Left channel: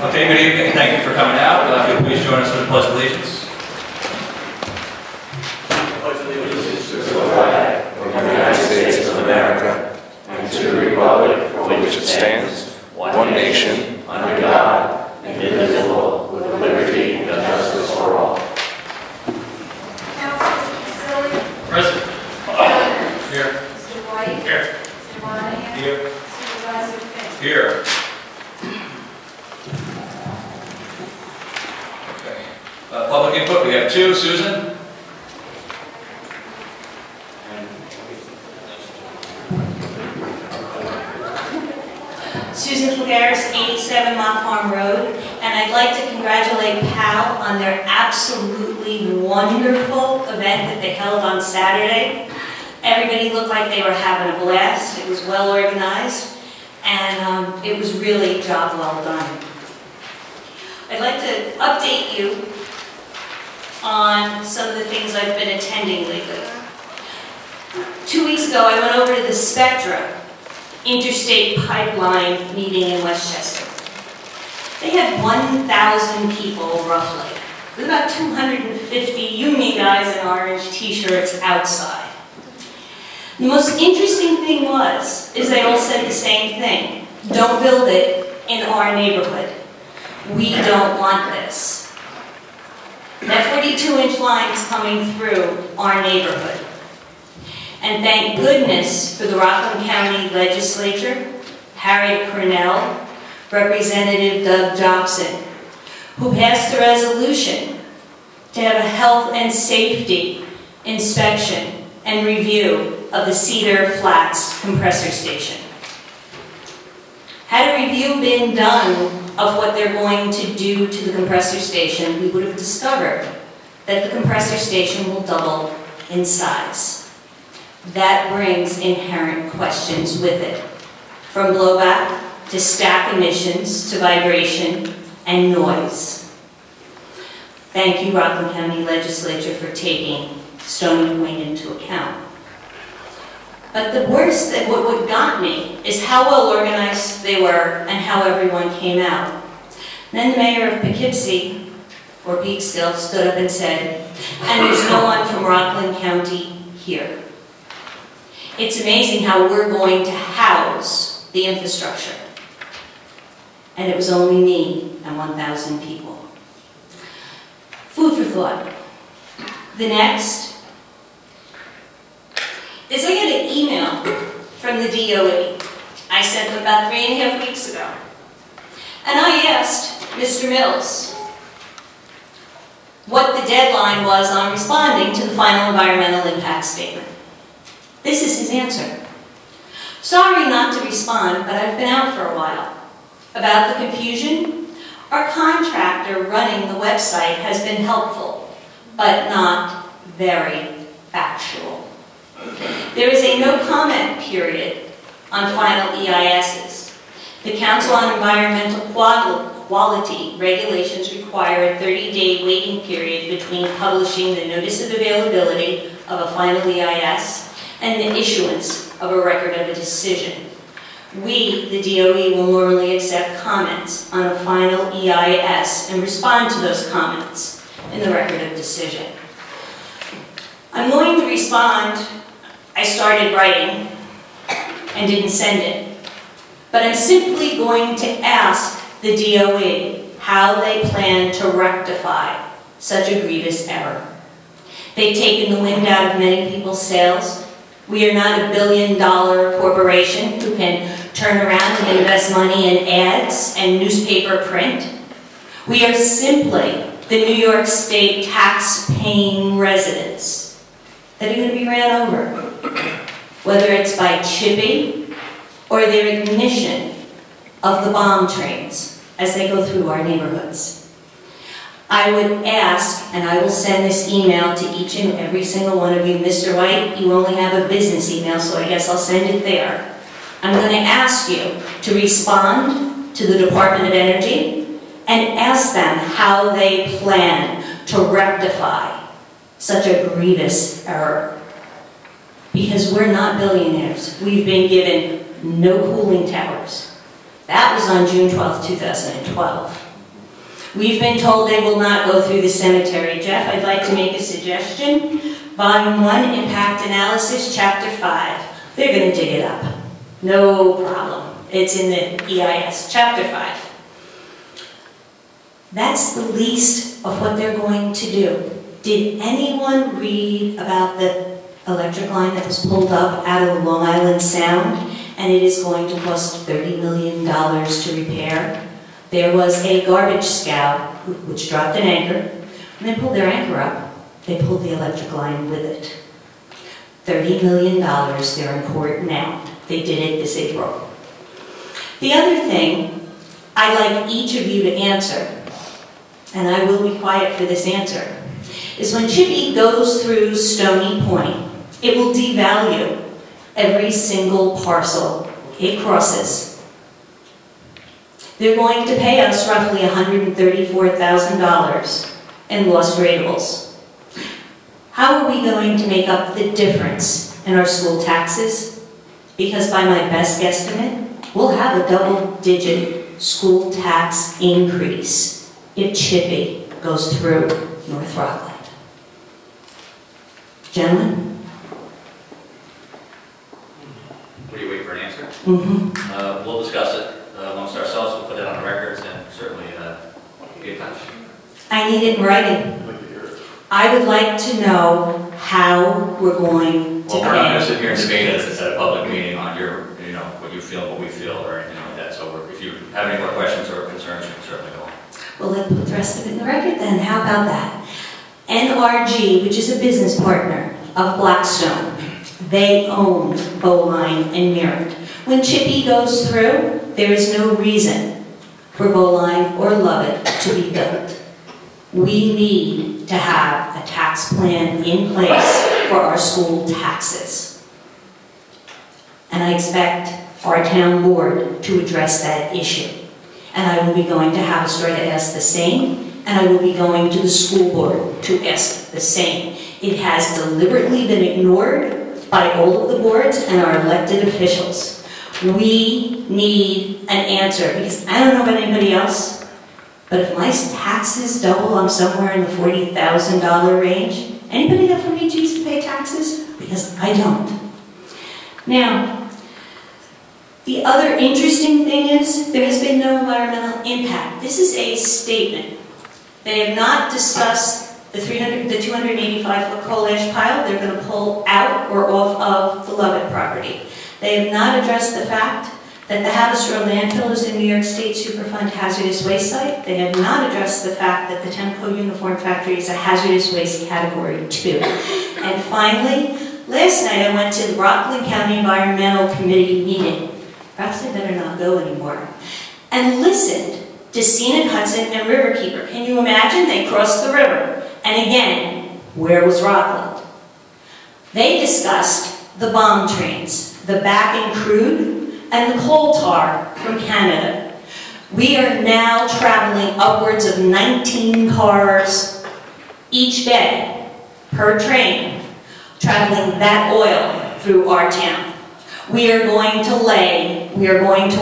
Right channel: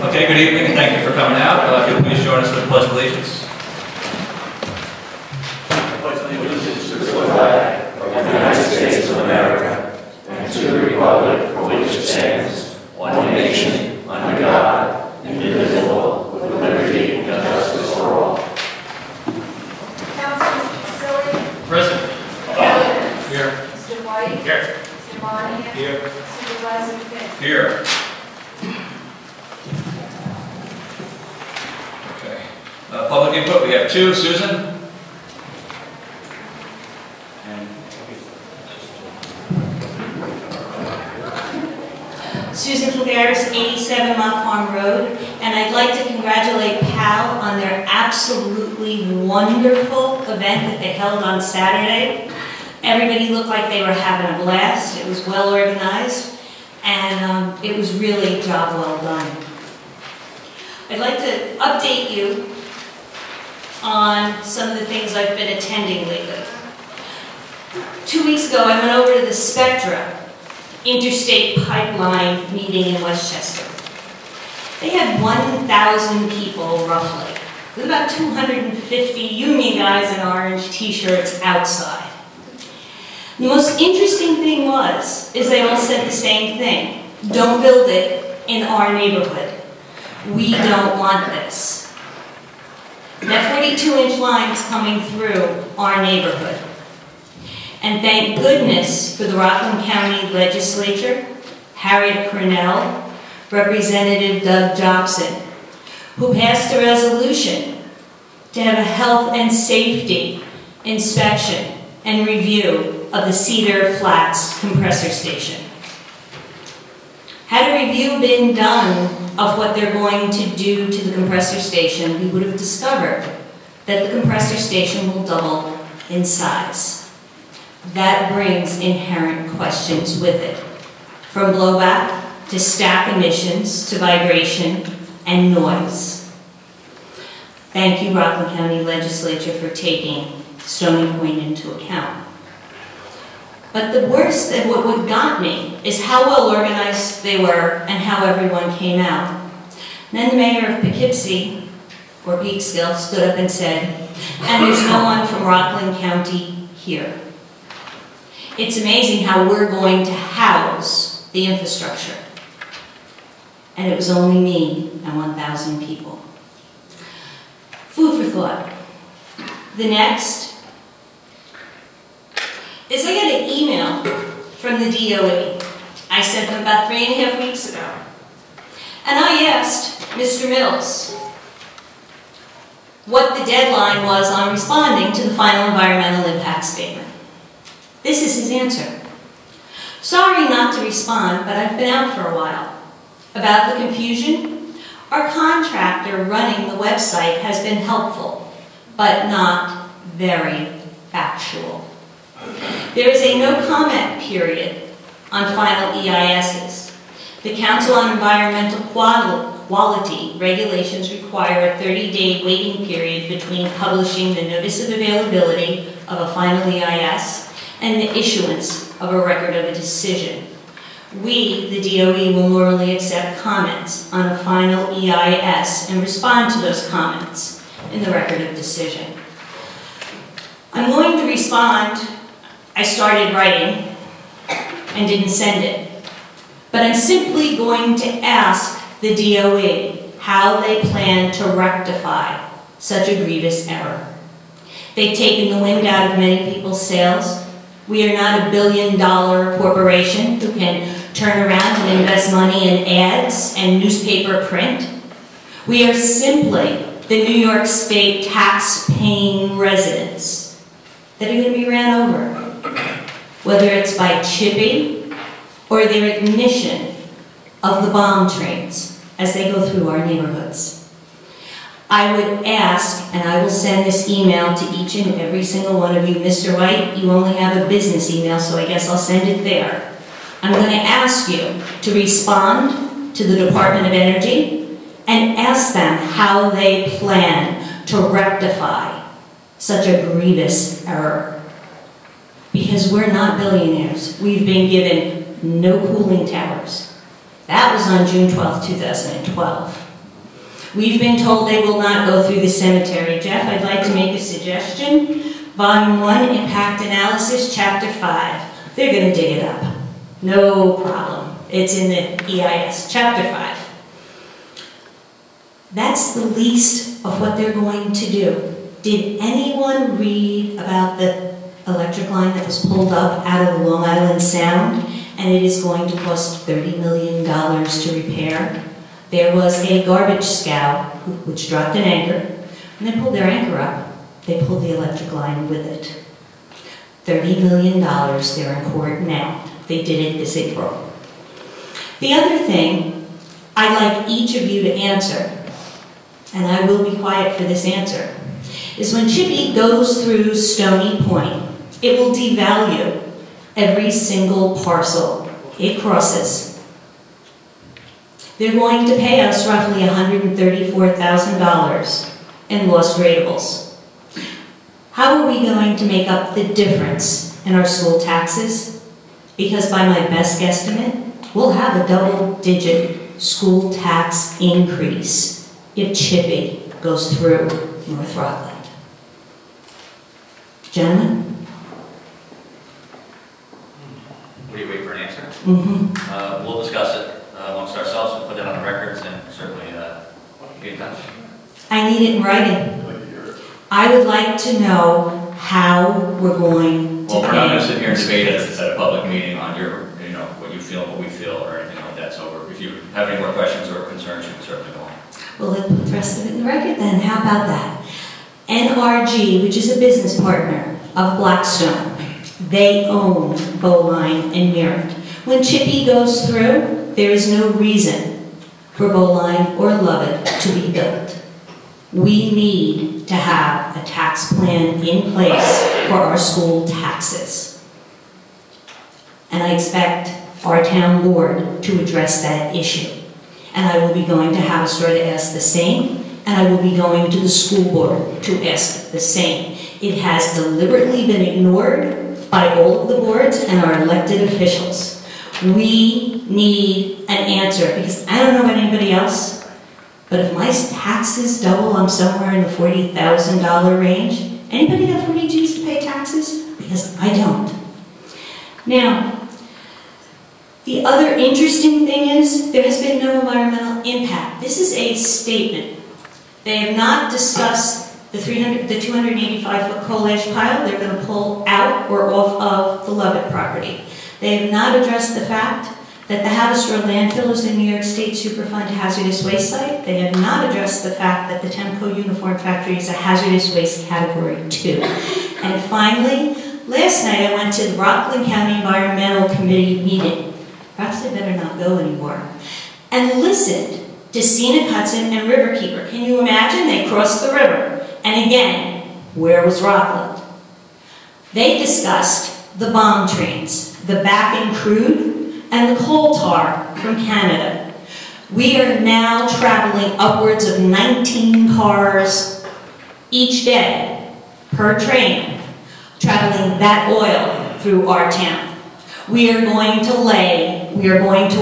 Okay, good evening. Thank you for coming out. If you please join us for the Pledge of Allegiance. I pledge allegiance to the flag of the United States of America and to the republic for which it stands, one nation, under God, indivisible, with liberty and justice for all. Present. Here. Mr. White. Here. Mr. Monahan. Here. Supervisor Finn. Here. Okay. Public input, we have two. Susan? Susan Fulgaris, 87 Lock Farm Road, and I'd like to congratulate PAL on their absolutely wonderful event that they held on Saturday. Everybody looked like they were having a blast. It was well organized, and it was really a job well done. I'd like to update you on some of the things I've been attending lately. 2 weeks ago, I went over to the Spectra Interstate Pipeline meeting in Westchester. They had 1,000 people, roughly, with about 250 union guys in orange t-shirts outside. The most interesting thing is they all said the same thing. Don't build it in our neighborhood. We don't want this. That 42-inch line is coming through our neighborhood. And thank goodness for the Rockland County Legislature, Harriet Cornell, Representative Doug Jobson, who passed a resolution to have a health and safety inspection and review of the Cedar Flats compressor station. Had a review been done of what they're going to do to the compressor station, we would have discovered that the compressor station will double in size. That brings inherent questions with it, from blowback to stack emissions to vibration and noise. Thank you, Rockland County Legislature, for taking Stony Point into account. But the worst, what got me, is how well organized they were and how everyone came out. And then the mayor of Poughkeepsie, or Peekskill, stood up and said, and there's no one from Rockland County here. It's amazing how we're going to house the infrastructure. And it was only me and 1,000 people. Food for thought. The next is I got an email from the DOE. I sent them about 3.5 weeks ago. And I asked Mr. Mills what the deadline was on responding to the final environmental impact statement. This is his answer. Sorry not to respond, but I've been out for a while. About the confusion, our contractor running the website has been helpful, but not very factual. There is a no comment period on final EISs. The Council on Environmental Quality regulations require a 30-day waiting period between publishing the notice of availability of a final EIS and the issuance of a record of a decision. We, the DOE, will normally accept comments on a final EIS and respond to those comments in the record of decision. I'm going to respond. I started writing and didn't send it. But I'm simply going to ask the DOE how they plan to rectify such a grievous error. They've taken the wind out of many people's sails. We are not a billion-dollar corporation who can turn around and invest money in ads and newspaper print. We are simply the New York State tax-paying residents that are going to be ran over, whether it's by chipping or their ignition of the bomb trains as they go through our neighborhoods. I would ask, and I will send this email to each and every single one of you. Mr. Wright, you only have a business email, so I guess I'll send it there. I'm going to ask you to respond to the Department of Energy and ask them how they plan to rectify such a grievous error. Because we're not billionaires. We've been given no cooling towers. That was on June 12, 2012. We've been told they will not go through the cemetery. Jeff, I'd like to make a suggestion. Volume 1, Impact Analysis, Chapter 5. They're going to dig it up. No problem. It's in the EIS, Chapter 5. That's the least of what they're going to do. Did anyone read about the electric line that was pulled up out of the Long Island Sound, and it is going to cost $30 million to repair? There was a garbage scow which dropped an anchor. When they pulled their anchor up, they pulled the electric line with it. $30 million, they're in court now. They did it this April. The other thing I'd like each of you to answer, and I will be quiet for this answer, is when Chippy goes through Stony Point, it will devalue every single parcel it crosses. They're going to pay us roughly $134,000 in lost ratables. How are we going to make up the difference in our school taxes? Because by my best guesstimate, we'll have a double-digit school tax increase if Chippy goes through North Rockland. Gentlemen? What do you wait for an answer? Mm-hmm. We'll discuss it amongst ourselves. We'll put it on the records and certainly be in touch. I need it in writing. I would like to know how we're going to Well, we're not going to pay. sit here and debate at a public meeting on your, what you feel and what we feel or anything like that. So if you have any more questions or concerns, you can certainly go on. Well, let's put the rest of it in the record then. How about that? NRG, which is a business partner of Blackstone, they own Bowline and Merritt. When Chippy goes through, there is no reason for Bowline or Lubbock to be built. We need to have a tax plan in place for our school taxes. And I expect our town board to address that issue. And I will be going to Hofstra to ask the same, and I will be going to the school board to ask the same. It has deliberately been ignored by all of the boards and our elected officials. We need an answer, because I don't know about anybody else, but if my taxes double, I'm somewhere in the $40,000 range. Anybody got 40 G's to pay taxes? Because I don't. Now, the other interesting thing is there has been no environmental impact. This is a statement. They have not discussed the 285-foot coal ash pile they're going to pull out or off of the Lubbock property. They have not addressed the fact that the Hofstra landfill is a New York State Superfund hazardous waste site. They have not addressed the fact that the Temco Uniform Factory is a hazardous waste category 2. And finally, last night I went to the Rockland County Environmental Committee meeting. Perhaps they better not go anymore. And listened to Scenic Hudson and Riverkeeper. Can you imagine? They crossed the river. And again, where was Rockland? They discussed the bomb trains, the Bakken crude, and the coal tar from Canada. We are now traveling upwards of 19 cars each day per train, traveling that oil through our town. We are going to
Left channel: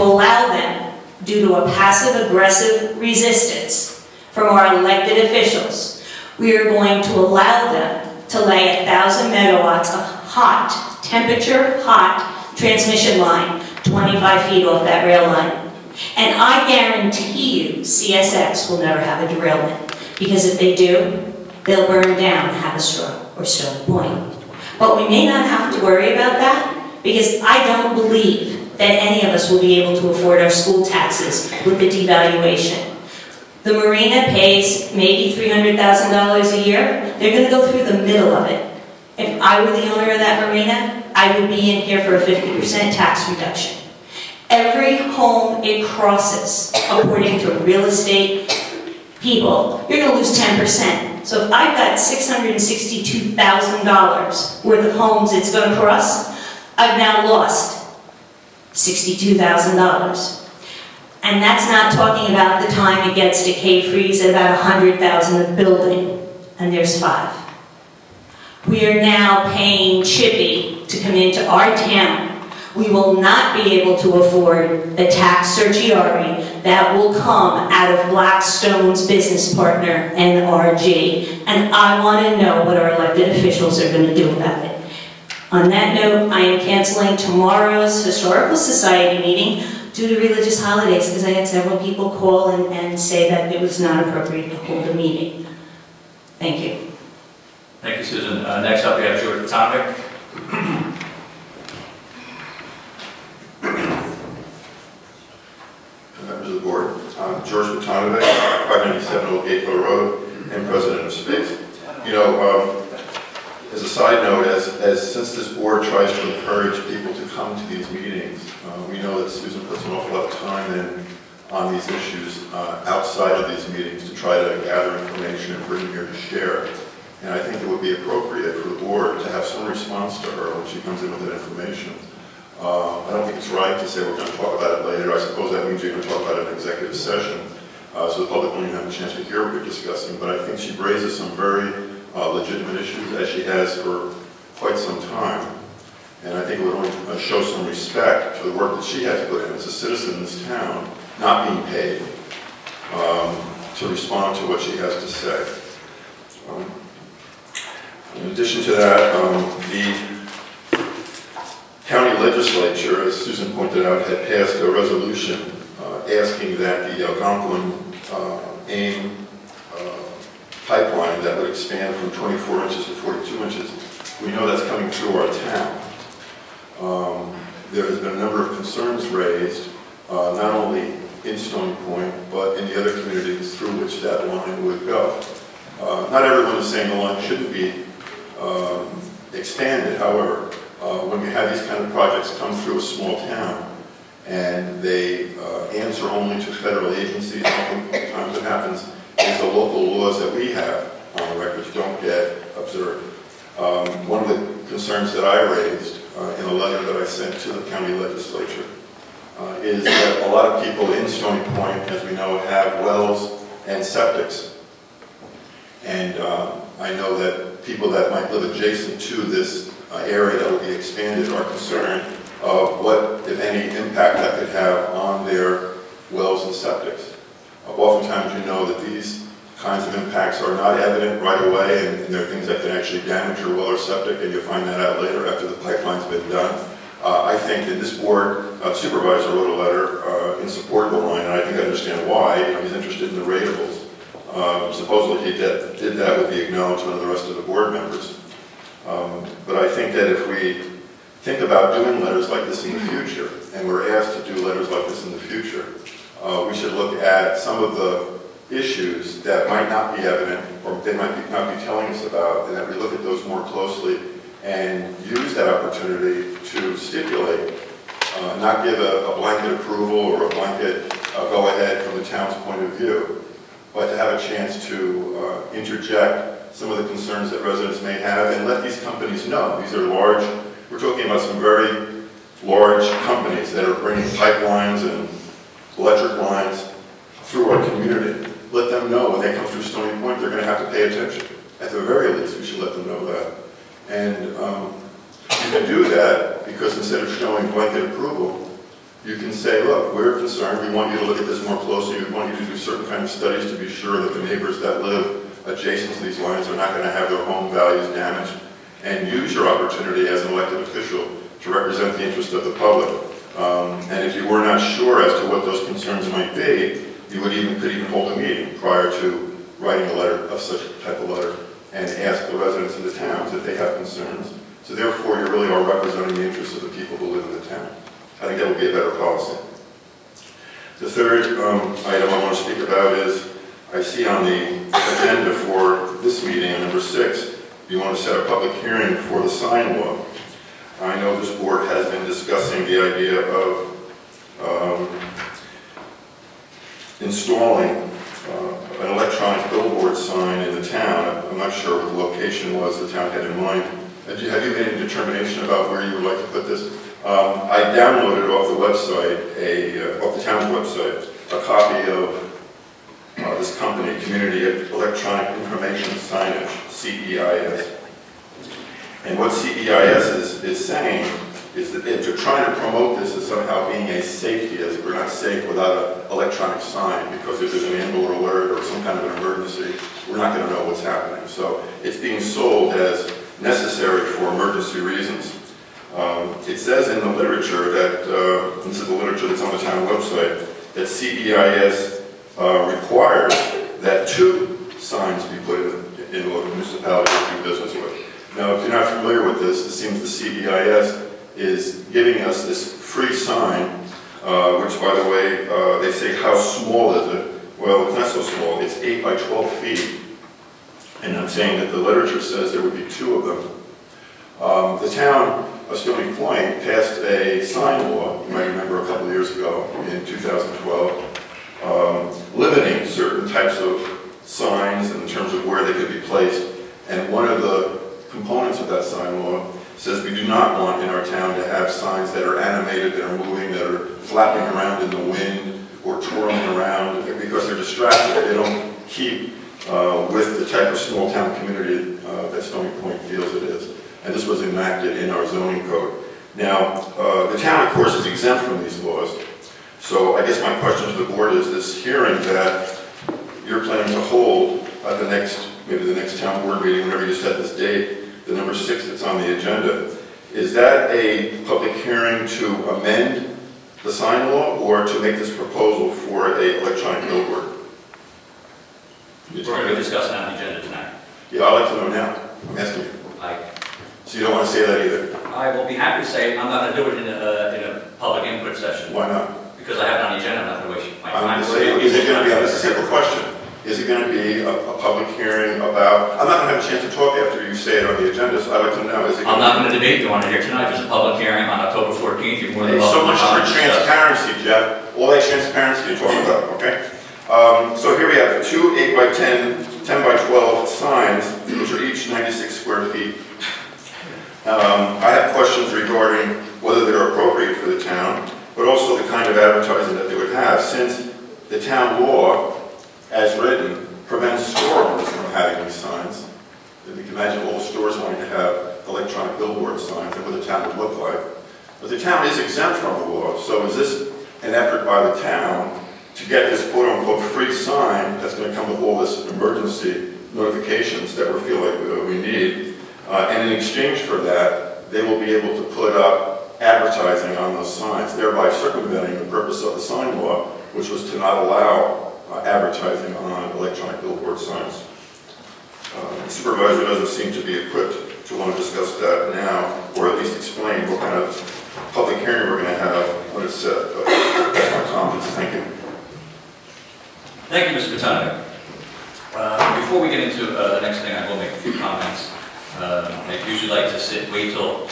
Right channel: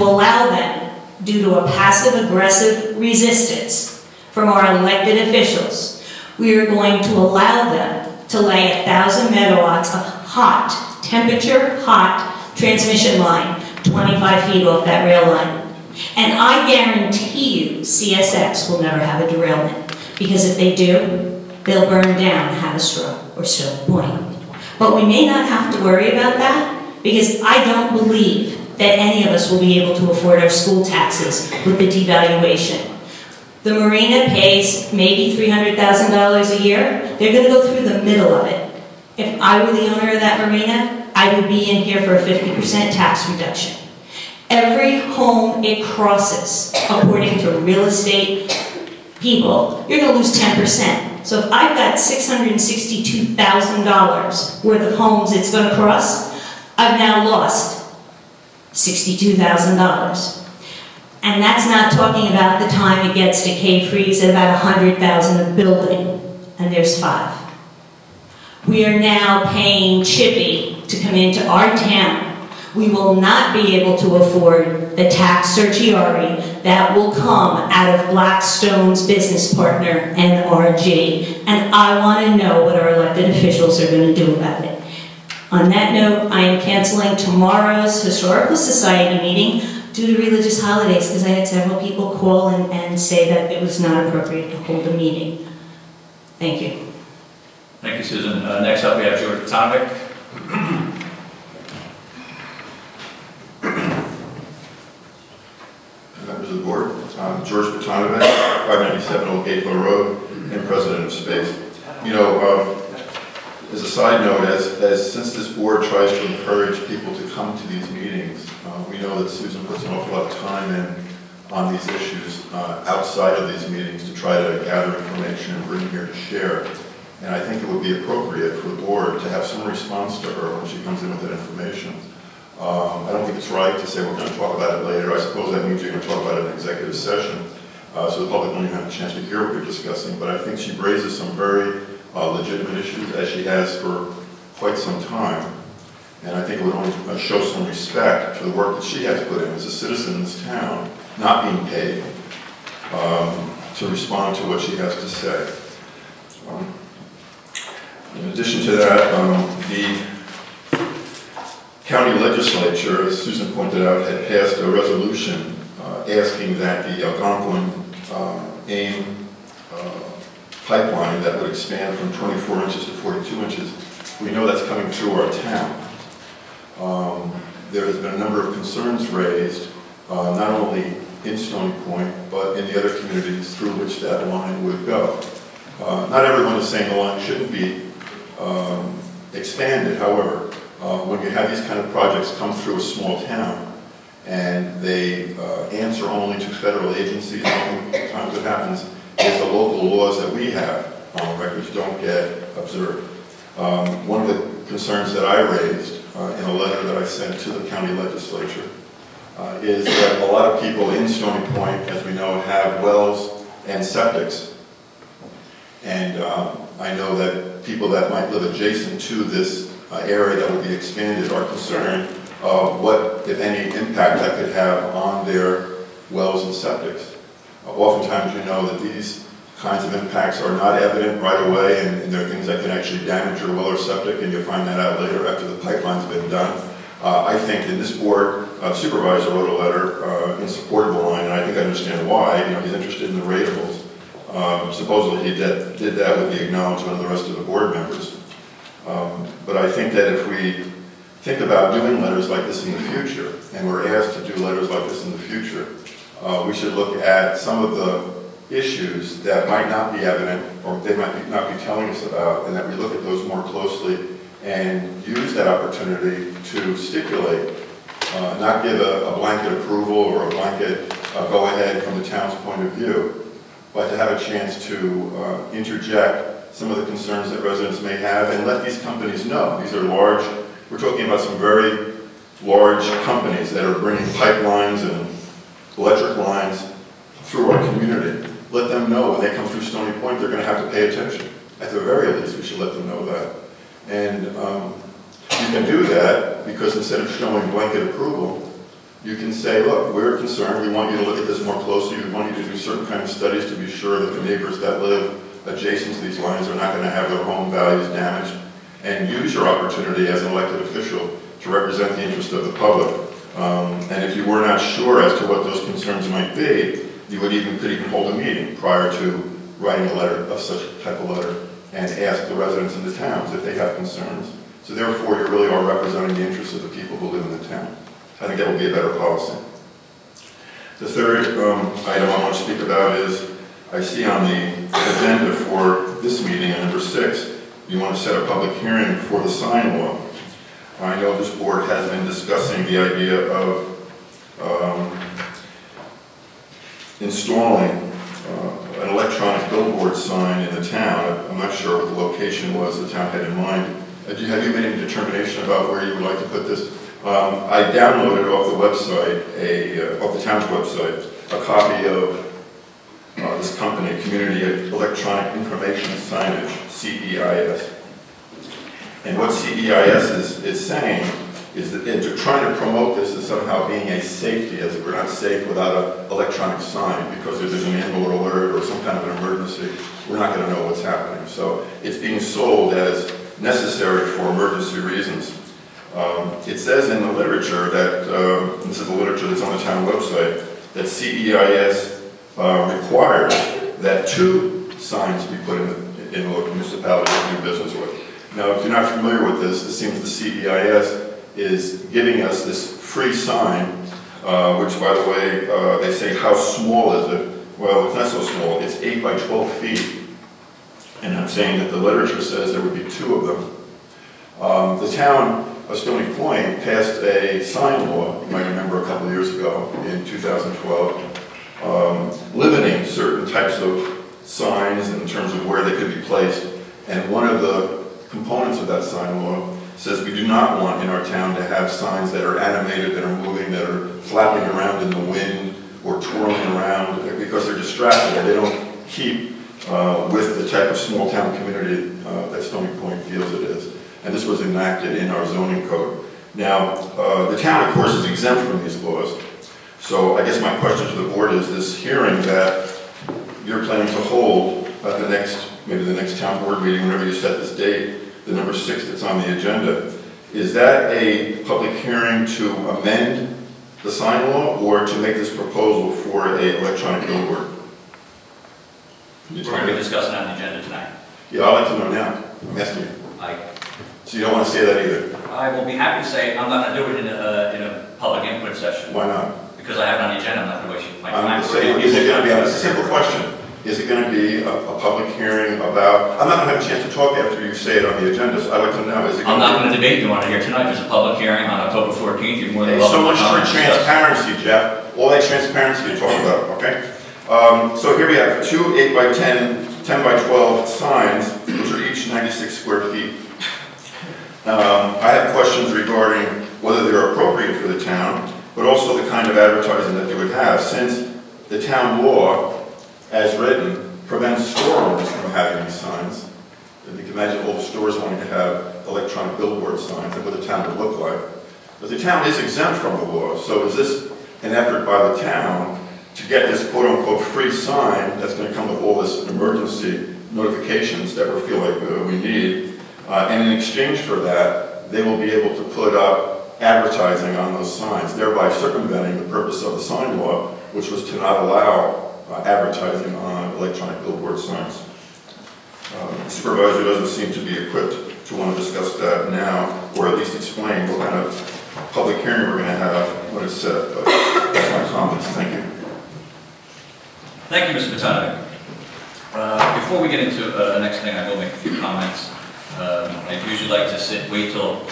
allow them, due to a passive-aggressive resistance from our elected officials, we are going to allow them to lay 1,000 megawatts of temperature-hot transmission line 25 feet off that rail line. And I guarantee you CSX will never have a derailment, because if they do, they'll burn down Hofstra or Stony Point. But we may not have to worry about that, because I don't believe that any of us will be able to afford our school taxes with the devaluation. The marina pays maybe $300,000 a year. They're going to go through the middle of it. If I were the owner of that marina, I would be in here for a 50% tax reduction. Every home it crosses, according to real estate people, you're going to lose 10%. So if I've got $662,000 worth of homes it's going to cross, I've now lost $62,000. And that's not talking about the time it gets to K-Freeze at about $100,000 a building, and there's 5. We are now paying Chippy to come into our town We will not be able to afford the tax certiorari that will come out of Blackstone's business partner, NRG, and I want to know what our elected officials are going to do about it. On that note, I am canceling tomorrow's Historical Society meeting due to religious holidays, because I had several people call and say that it was not appropriate to hold a meeting. Thank you. Thank you, Susan. Next up, we have George Topic. Members of the board, George Petanovic, 597 Old Gateway Road, and President of Space. As a side note, as since this board tries to encourage people to come to these meetings, we know that Susan puts an awful lot of time in on these issues outside of these meetings to try to gather information and bring here to share. And I think it would be appropriate for the board to have some response to her when she comes in with that information. I don't think it's right to say we're going to talk about it later. I suppose that means you're going to talk about it in executive session, so the public won't have a chance to hear what we're discussing. But I think she raises some very legitimate issues, as she has for quite some time. And I think it would only show some respect to the work that she has put in as a citizen in this town, not being paid, to respond to what she has to say. In addition to that, the county legislature, as Susan pointed out, had passed a resolution asking that the Algonquin AIM pipeline that would expand from 24 inches to 42 inches, we know that's coming through our town. There has been a number of concerns raised, not only in Stony Point, but in the other communities through which that line would go. Not everyone is saying the line shouldn't be expanded. However, when you have these kind of projects come through a small town and they answer only to federal agencies, sometimes what happens is the local laws that we have on the records don't get observed. One of the concerns that I raised in a letter that I sent to the county legislature is that a lot of people in Stony Point, as we know, have wells and septics. And I know that people that might live adjacent to this area that will be expanded are concerned of what, if any, impact that could have on their wells and septics. Oftentimes you know that these kinds of impacts are not evident right away, and there are things that can actually damage your well or septic, and you'll find that out later after the pipeline's been done. I think that this board supervisor wrote a letter in support of the line, and I think I understand why. He's interested in the ratables. Supposedly he did that with the acknowledgement of the rest of the board members. But I think that if we think about doing letters like this in the future, and we're asked to do letters like this in the future, we should look at some of the issues that might not be evident, or they might not be telling us about, and that we look at those more closely and use that opportunity to stipulate, not give a blanket approval or a blanket go-ahead from the town's point of view, but to have a chance to interject some of the concerns that residents may have and let these companies know. These are large, we're talking about some very large companies that are bringing pipelines and electric lines through our community. Let them know when they come through Stony Point they're going to have to pay attention. At the very least, we should let them know that. And you can do that because instead of showing blanket approval, you can say, look, we're concerned. We want you to look at this more closely. We want you to do certain kind of studies to be sure that the neighbors that live adjacent to these lines are not going to have their home values damaged. And use your opportunity as an elected official to represent the interest of the public. And if you were not sure as to what those concerns might be, you could even hold a meeting prior to writing a letter of such type of letter and ask the residents in the towns if they have concerns. So therefore, you really are representing the interests of the people who live in the town. I think that would be a better policy. The third item I want to speak about is, I see on the agenda for this meeting, at number 6, you want to set a public hearing for the sign law. I know this board has been discussing the idea of installing an electronic billboard sign in the town. I'm not sure what the location was the town had in mind. Have you made a determination about where you would like to put this? I downloaded off the website, off the town's website, a copy of this company, Community Electronic Information Signage, CEIS. And what CEIS is saying is that they're trying to promote this as somehow being a safety, as we're not safe without an electronic sign, because if there's an ambulance alert or some kind of an emergency, we're not going to know what's happening. So it's being sold as necessary for emergency reasons. It says in the literature that, this is the literature that's on the town website, that CBIS requires that 2 signs be put in local municipalities to do business with. Now, if you're not familiar with this, it seems the CBIS is giving us this free sign, which, by the way, they say, how small is it? Well, it's not so small. It's 8 by 12 feet. And I'm saying that the literature says there would be 2 of them. The town of Stony Point passed a sign law, you might remember a couple of years ago, in 2012, limiting certain types of signs in terms of where they could be placed. And one of the components of that sign law says we do not want in our town to have signs that are animated, that are moving, that are flapping around in the wind or twirling around because they're distracting. They don't keep with the type of small town community that Stony Point feels it is. And this was enacted in our zoning code. Now, the town, of course, is exempt from these laws. So I guess my question to the board is this hearing that you're planning to hold at maybe the next town board meeting, whenever you set this date, the number 6 that's on the agenda, is that a public hearing to amend the sign law or to make this proposal for an electronic billboard? We're going to be discussing that on the agenda tonight. Yeah, I'd like to know now. I'm asking you. So you don't want to say that either? I will be happy to say I'm not going to do it in a public input session. Why not? Because I have it on the agenda. I'm not going to waste my time. Is it going to be, it's a simple question. Is it going to be a public hearing about, I'm not going to have a chance to talk after you say it on the agenda, so I'd like to know. I'm not going to debate you on it here tonight. There's a public hearing on October 14th. You're more than welcome. So much for transparency, Jeff. All that transparency you're talking about, okay? So here we have 2 8 by 10, 10 by 12 signs, which are each 96 square feet. I have questions regarding whether they're appropriate for the town, but also the kind of advertising that they would have, since the town law, as written, prevents store owners from having these signs. If you can imagine old stores wanting to have electronic billboard signs, that's what the town would look like. But the town is exempt from the law, so is this an effort by the town to get this quote-unquote free sign that's going to come with all this emergency notifications that we feel like we need, and in exchange for that, they will be able to put up advertising on those signs, thereby circumventing the purpose of the sign law, which was to not allow advertising on electronic billboard signs. The supervisor doesn't seem to be equipped to want to discuss that now, or at least explain what kind of public hearing we're going to have when it's set. But that's my comments. Thank you. Thank you, Mr. Tentative. Before we get into the next thing, I will make a few comments. I usually like to wait till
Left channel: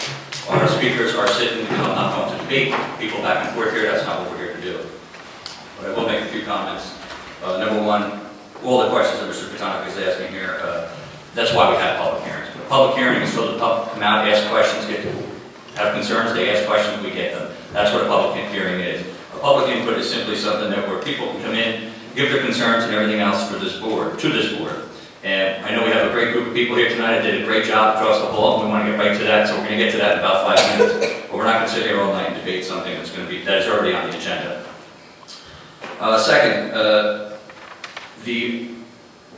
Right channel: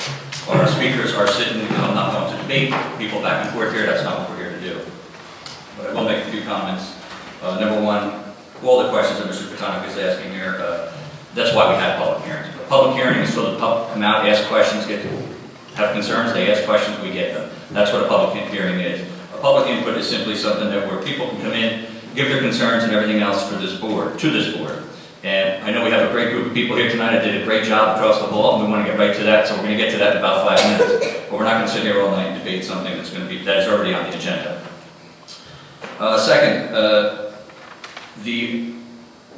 our speakers are sitting and I'm not going to debate people back and forth here. That's not what we're here to do. But I will make a few comments. Number one, all the questions that Mr. Pythias is asking here, that's why we have public hearings. The public hearing is so the public come out, ask questions, they have concerns, they ask questions, we get them. That's what a public hearing is. A public input is simply something that where people can come in, give their concerns and everything else for this board, to this board. And I know we have a great group of people here tonight that did a great job across the hall, and we want to get right to that, so we're going to get to that in about 5 minutes. But we're not going to sit here all night and debate something that is already on the agenda. Second, the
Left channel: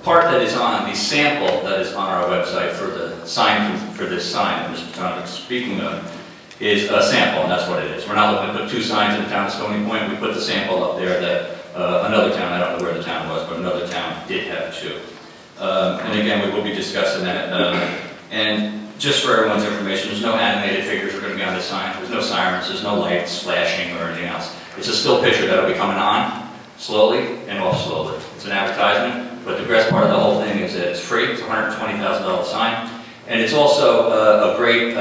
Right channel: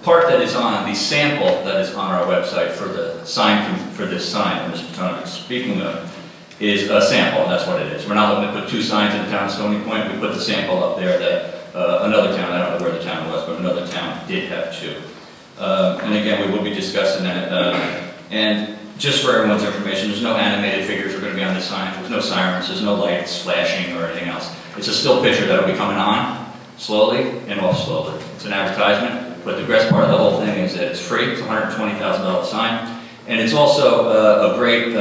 part that is on, the sample that is on our website for the sign, for this sign that Mr. Tentative is speaking of, is a sample, and that's what it is. We're not looking to put 2 signs in the town of Stony Point. We put the sample up there that another town, I don't know where the town was, but another town did have 2. And again, we will be discussing that. And just for everyone's information, there's no animated figures that are going to be on the sign. There's no sirens, there's no lights flashing or anything else. It's a still picture that will be coming on slowly and off slowly. It's an advertisement, but the best part of the whole thing is that it's free. It's a $120,000 sign. And it's also a great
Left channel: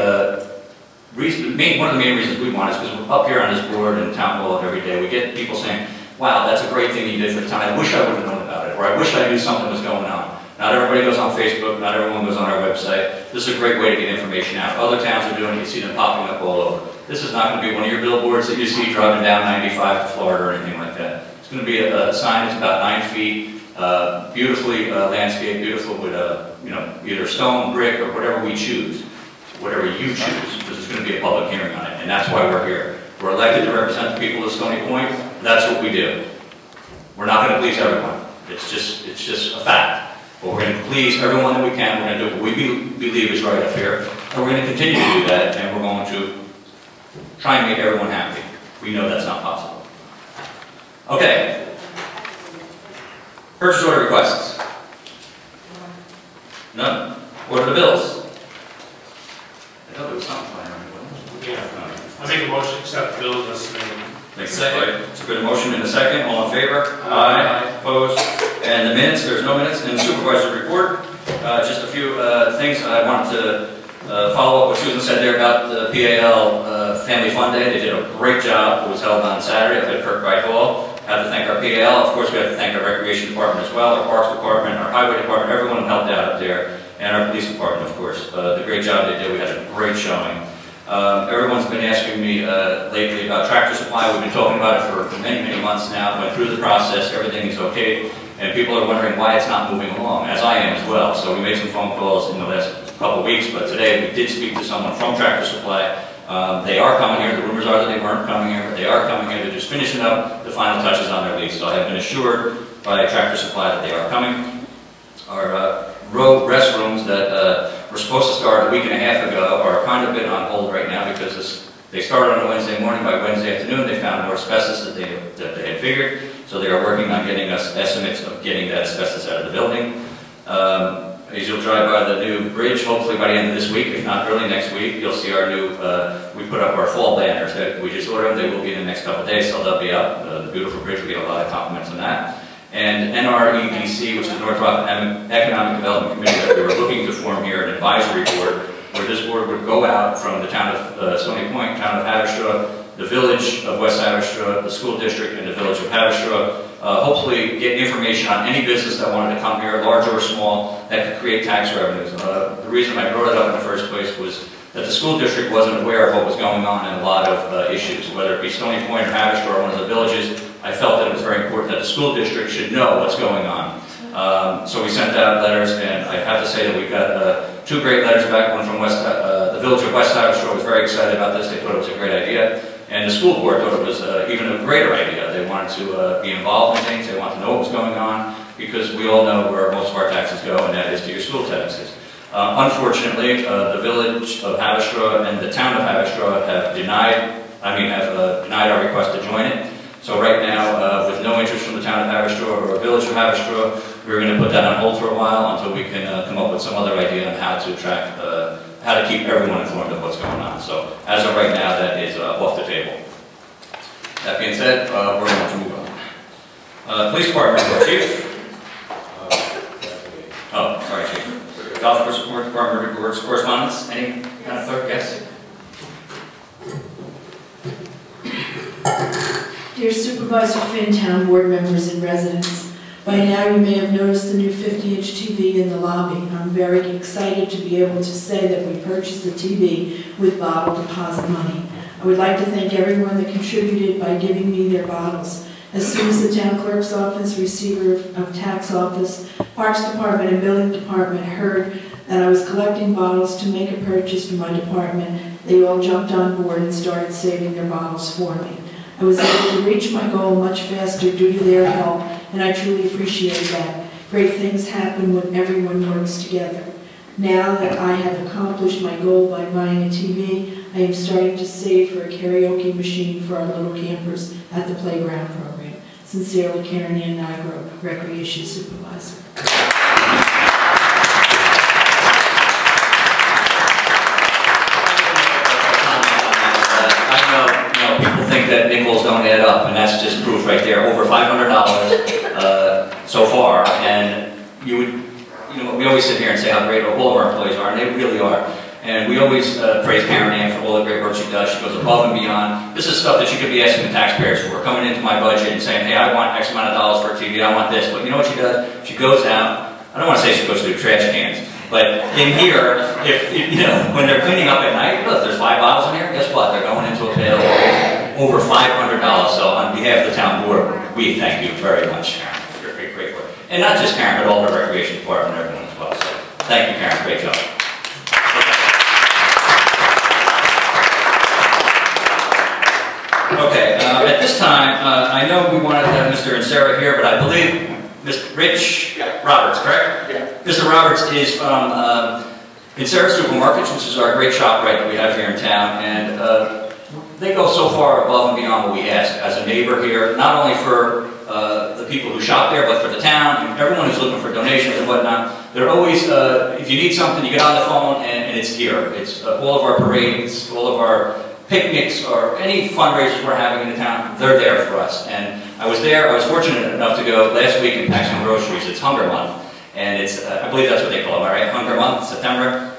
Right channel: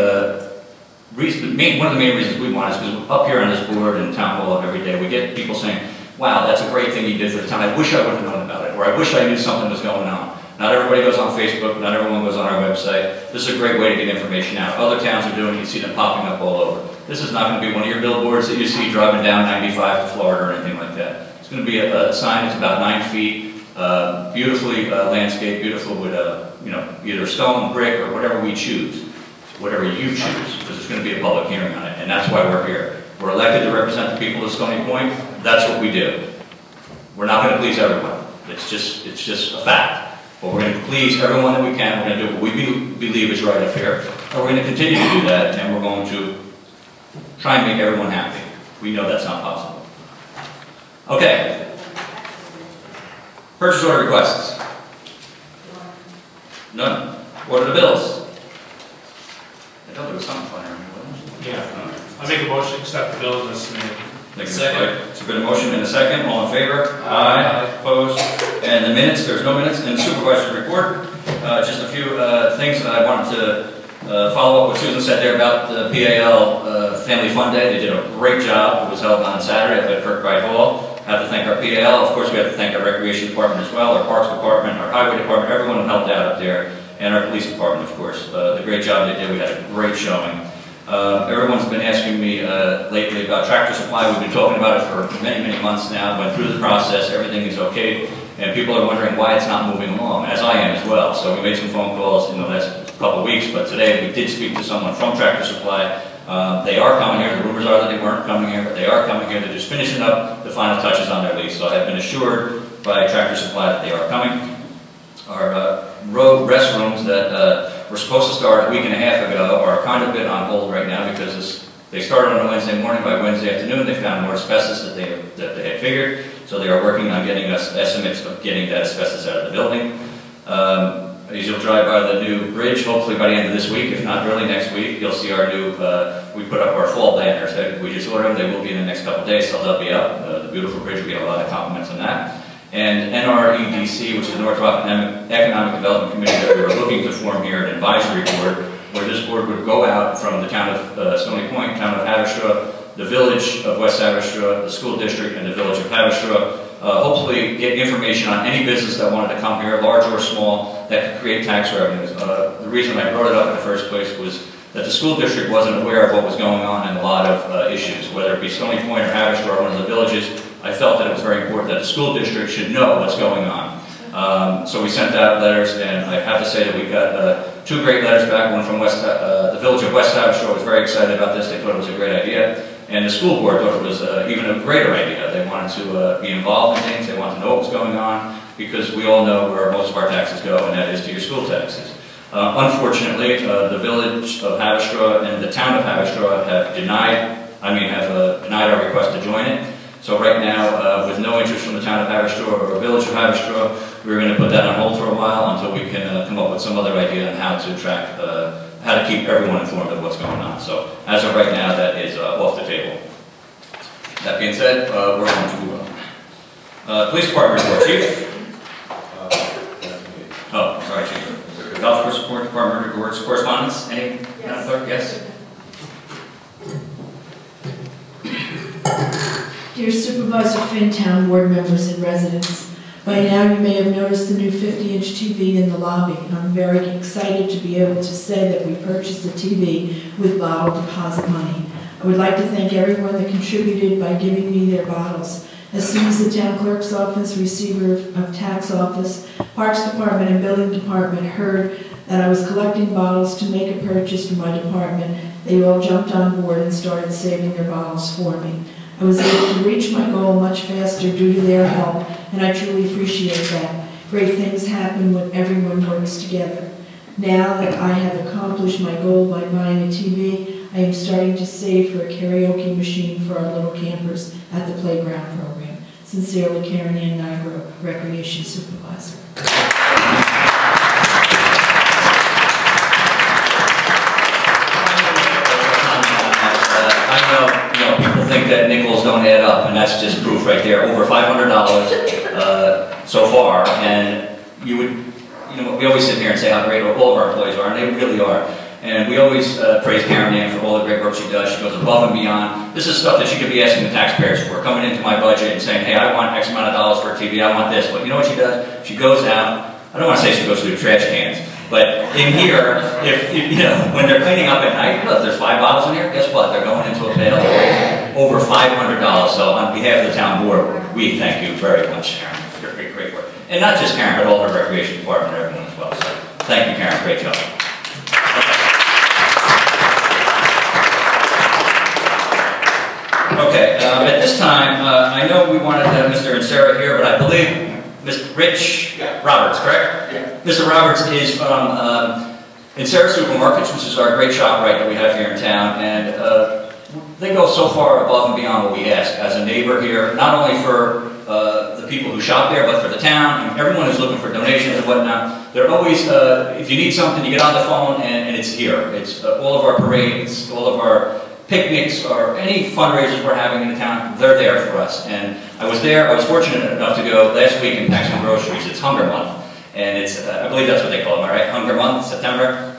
reason. One of the main reasons we want is because up here on this board and town hall every day, we get people saying, wow, that's a great thing you did for the town. I wish I would have known about it, or I wish I knew something was going on. Not everybody goes on Facebook. Not everyone goes on our website. This is a great way to get information out. Other towns are doing it. You see them popping up all over. This is not going to be one of your billboards that you see driving down 95 to Florida or anything like that. It's going to be a sign that's about 9 feet, beautifully landscaped, beautiful with either stone, brick, or whatever we choose. whatever you choose, because there's going to be a public hearing on it, and that's why we're here. We're elected to represent the people of Stony Point. That's what we do. We're not going to please everyone. It's just a fact. But we're going to please everyone that we can. We're going to do what we believe is right up here, and we're going to continue to do that, and we're going to try and make everyone happy. We know that's not possible. Okay. Purchase order requests. None. What are the bills? I thought there was something going on. Yeah. I make a motion to accept the bills as submitted. Second. It's a good motion and a second. All in favor? Aye. Opposed? And the minutes, there's no minutes. And the supervisor report, just a few things I wanted to follow up what Susan said there about the PAL Family Fun Day. They did a great job. It was held on Saturday at Kirkbride Hall. Have to thank our PAL. Of course, we have to thank our Recreation Department as well, our Parks Department, our Highway Department, everyone who helped out up there, and our Police Department, of course. The great job they did. We had a great showing. Everyone's been asking me lately about Tractor Supply. We've been talking about it for many, many months now. Went through the process. Everything is okay. And people are wondering why it's not moving along, as I am as well. So we made some phone calls in the last couple of weeks, but today we did speak to someone from Tractor Supply. They are coming here. The rumors are that they weren't coming here, but they are coming here. They're just finishing up the final touches on their lease. So I have been assured by Tractor Supply that they are coming. Our road restrooms that were supposed to start a week and a half ago are kind of been on hold right now because they started on a Wednesday morning. By Wednesday afternoon, they found more asbestos that they had figured. So they are working on getting us estimates of getting that asbestos out of the building. As you'll drive by the new bridge, hopefully by the end of this week, if not early next week, you'll see our new, we put up our fall banners. We just ordered them. They will be in the next couple of days, so they'll be up. The beautiful bridge will get a lot of compliments on that. And NREDC, which is the North Rockland Economic Development Committee that we were looking to form here, an advisory board, where this board would go out from the town of Stony Point, town of Haverstraw, the village of West Haverstraw, the school district, and the village of Haverstraw. Hopefully get information on any business that wanted to come here, large or small, that could create tax revenues. The reason I brought it up in the first place was that the school district wasn't aware of what was going on in a lot of issues, whether it be Stony Point or Haverstraw or one of the villages. I felt that it was very important that the school district should know what's going on. So we sent out letters, and I have to say that we got two great letters back. One from the village of West Haverstraw was very excited about this. They thought it was a great idea. And the school board thought it was even a greater idea. They wanted to be involved in things. They wanted to know what was going on, because we all know where most of our taxes go, and that is to your school taxes. Unfortunately, the village of Haverstraw and the town of Haverstraw have denied our request to join it. So right now, with no interest from the town of Haverstraw or the village of Haverstraw, we're going to put that on hold for a while until we can come up with some other idea on how to track, how to keep everyone informed of what's going on. So as of right now, that is off the table. That being said, we're going to move on. Police Department report, Chief. Oh, sorry, Chief. Golf Course Support Department reports. Correspondence. Any? Madam Clerk? Yes. Dear Supervisor Finn, town board members and residents, by now you may have noticed the new 50-inch TV in the lobby. I'm very excited to be able to say that we purchased the TV with bottle deposit money. I would like to thank everyone that contributed by giving me their bottles. As soon as the town clerk's office, receiver of tax office, Parks Department, and Building Department heard that I was collecting bottles to make a purchase for my department, they all jumped on board and started saving their bottles for me. I was able to reach my goal much faster due to their help, and I truly appreciate that. Great things happen when everyone works together. Now that I have accomplished my goal by buying a TV, I am starting to save for a karaoke machine for our little campers at the playground program. Sincerely, Karen Ann Nigro, Recreation Supervisor. People think that nickels don't add up, and that's just proof right there. Over $500 so far, and we always sit here and say how great all of our employees are, and they really are. And we always praise Karen Ann for all the great work she does. She goes above and beyond. This is stuff that she could be asking the taxpayers for, coming into my budget and saying, hey, I want X amount of dollars for a TV, I want this. But you know what she does? She goes out. I don't want to say she goes through trash cans, but in here, when they're cleaning up at night, look, there's 5 bottles in here. Guess what? They're going into a pail over $500. So on behalf of the town board, we thank you very much, Karen, for your great work. And not just Karen, but all the recreation department and everyone as well. So thank you, Karen. Great job. Okay. Okay, at this time, I know we wanted to have Mr. Inserra here, but I believe Mr. Rich Roberts, correct? Yeah. Mr. Roberts is from Inserra Supermarkets, which is our great ShopRite that we have here in town, and they go so far above and beyond what we ask as a neighbor here, not only for the people who shop there, but for the town, and everyone who's looking for donations and whatnot. They're always, if you need something, you get on the phone, and it's here. It's all of our parades, all of our picnics, or any fundraisers we're having in the town, they're there for us. And I was fortunate enough to go last week and pack some groceries. It's Hunger Month. And it's, I believe that's what they call it, right? Hunger Month, September?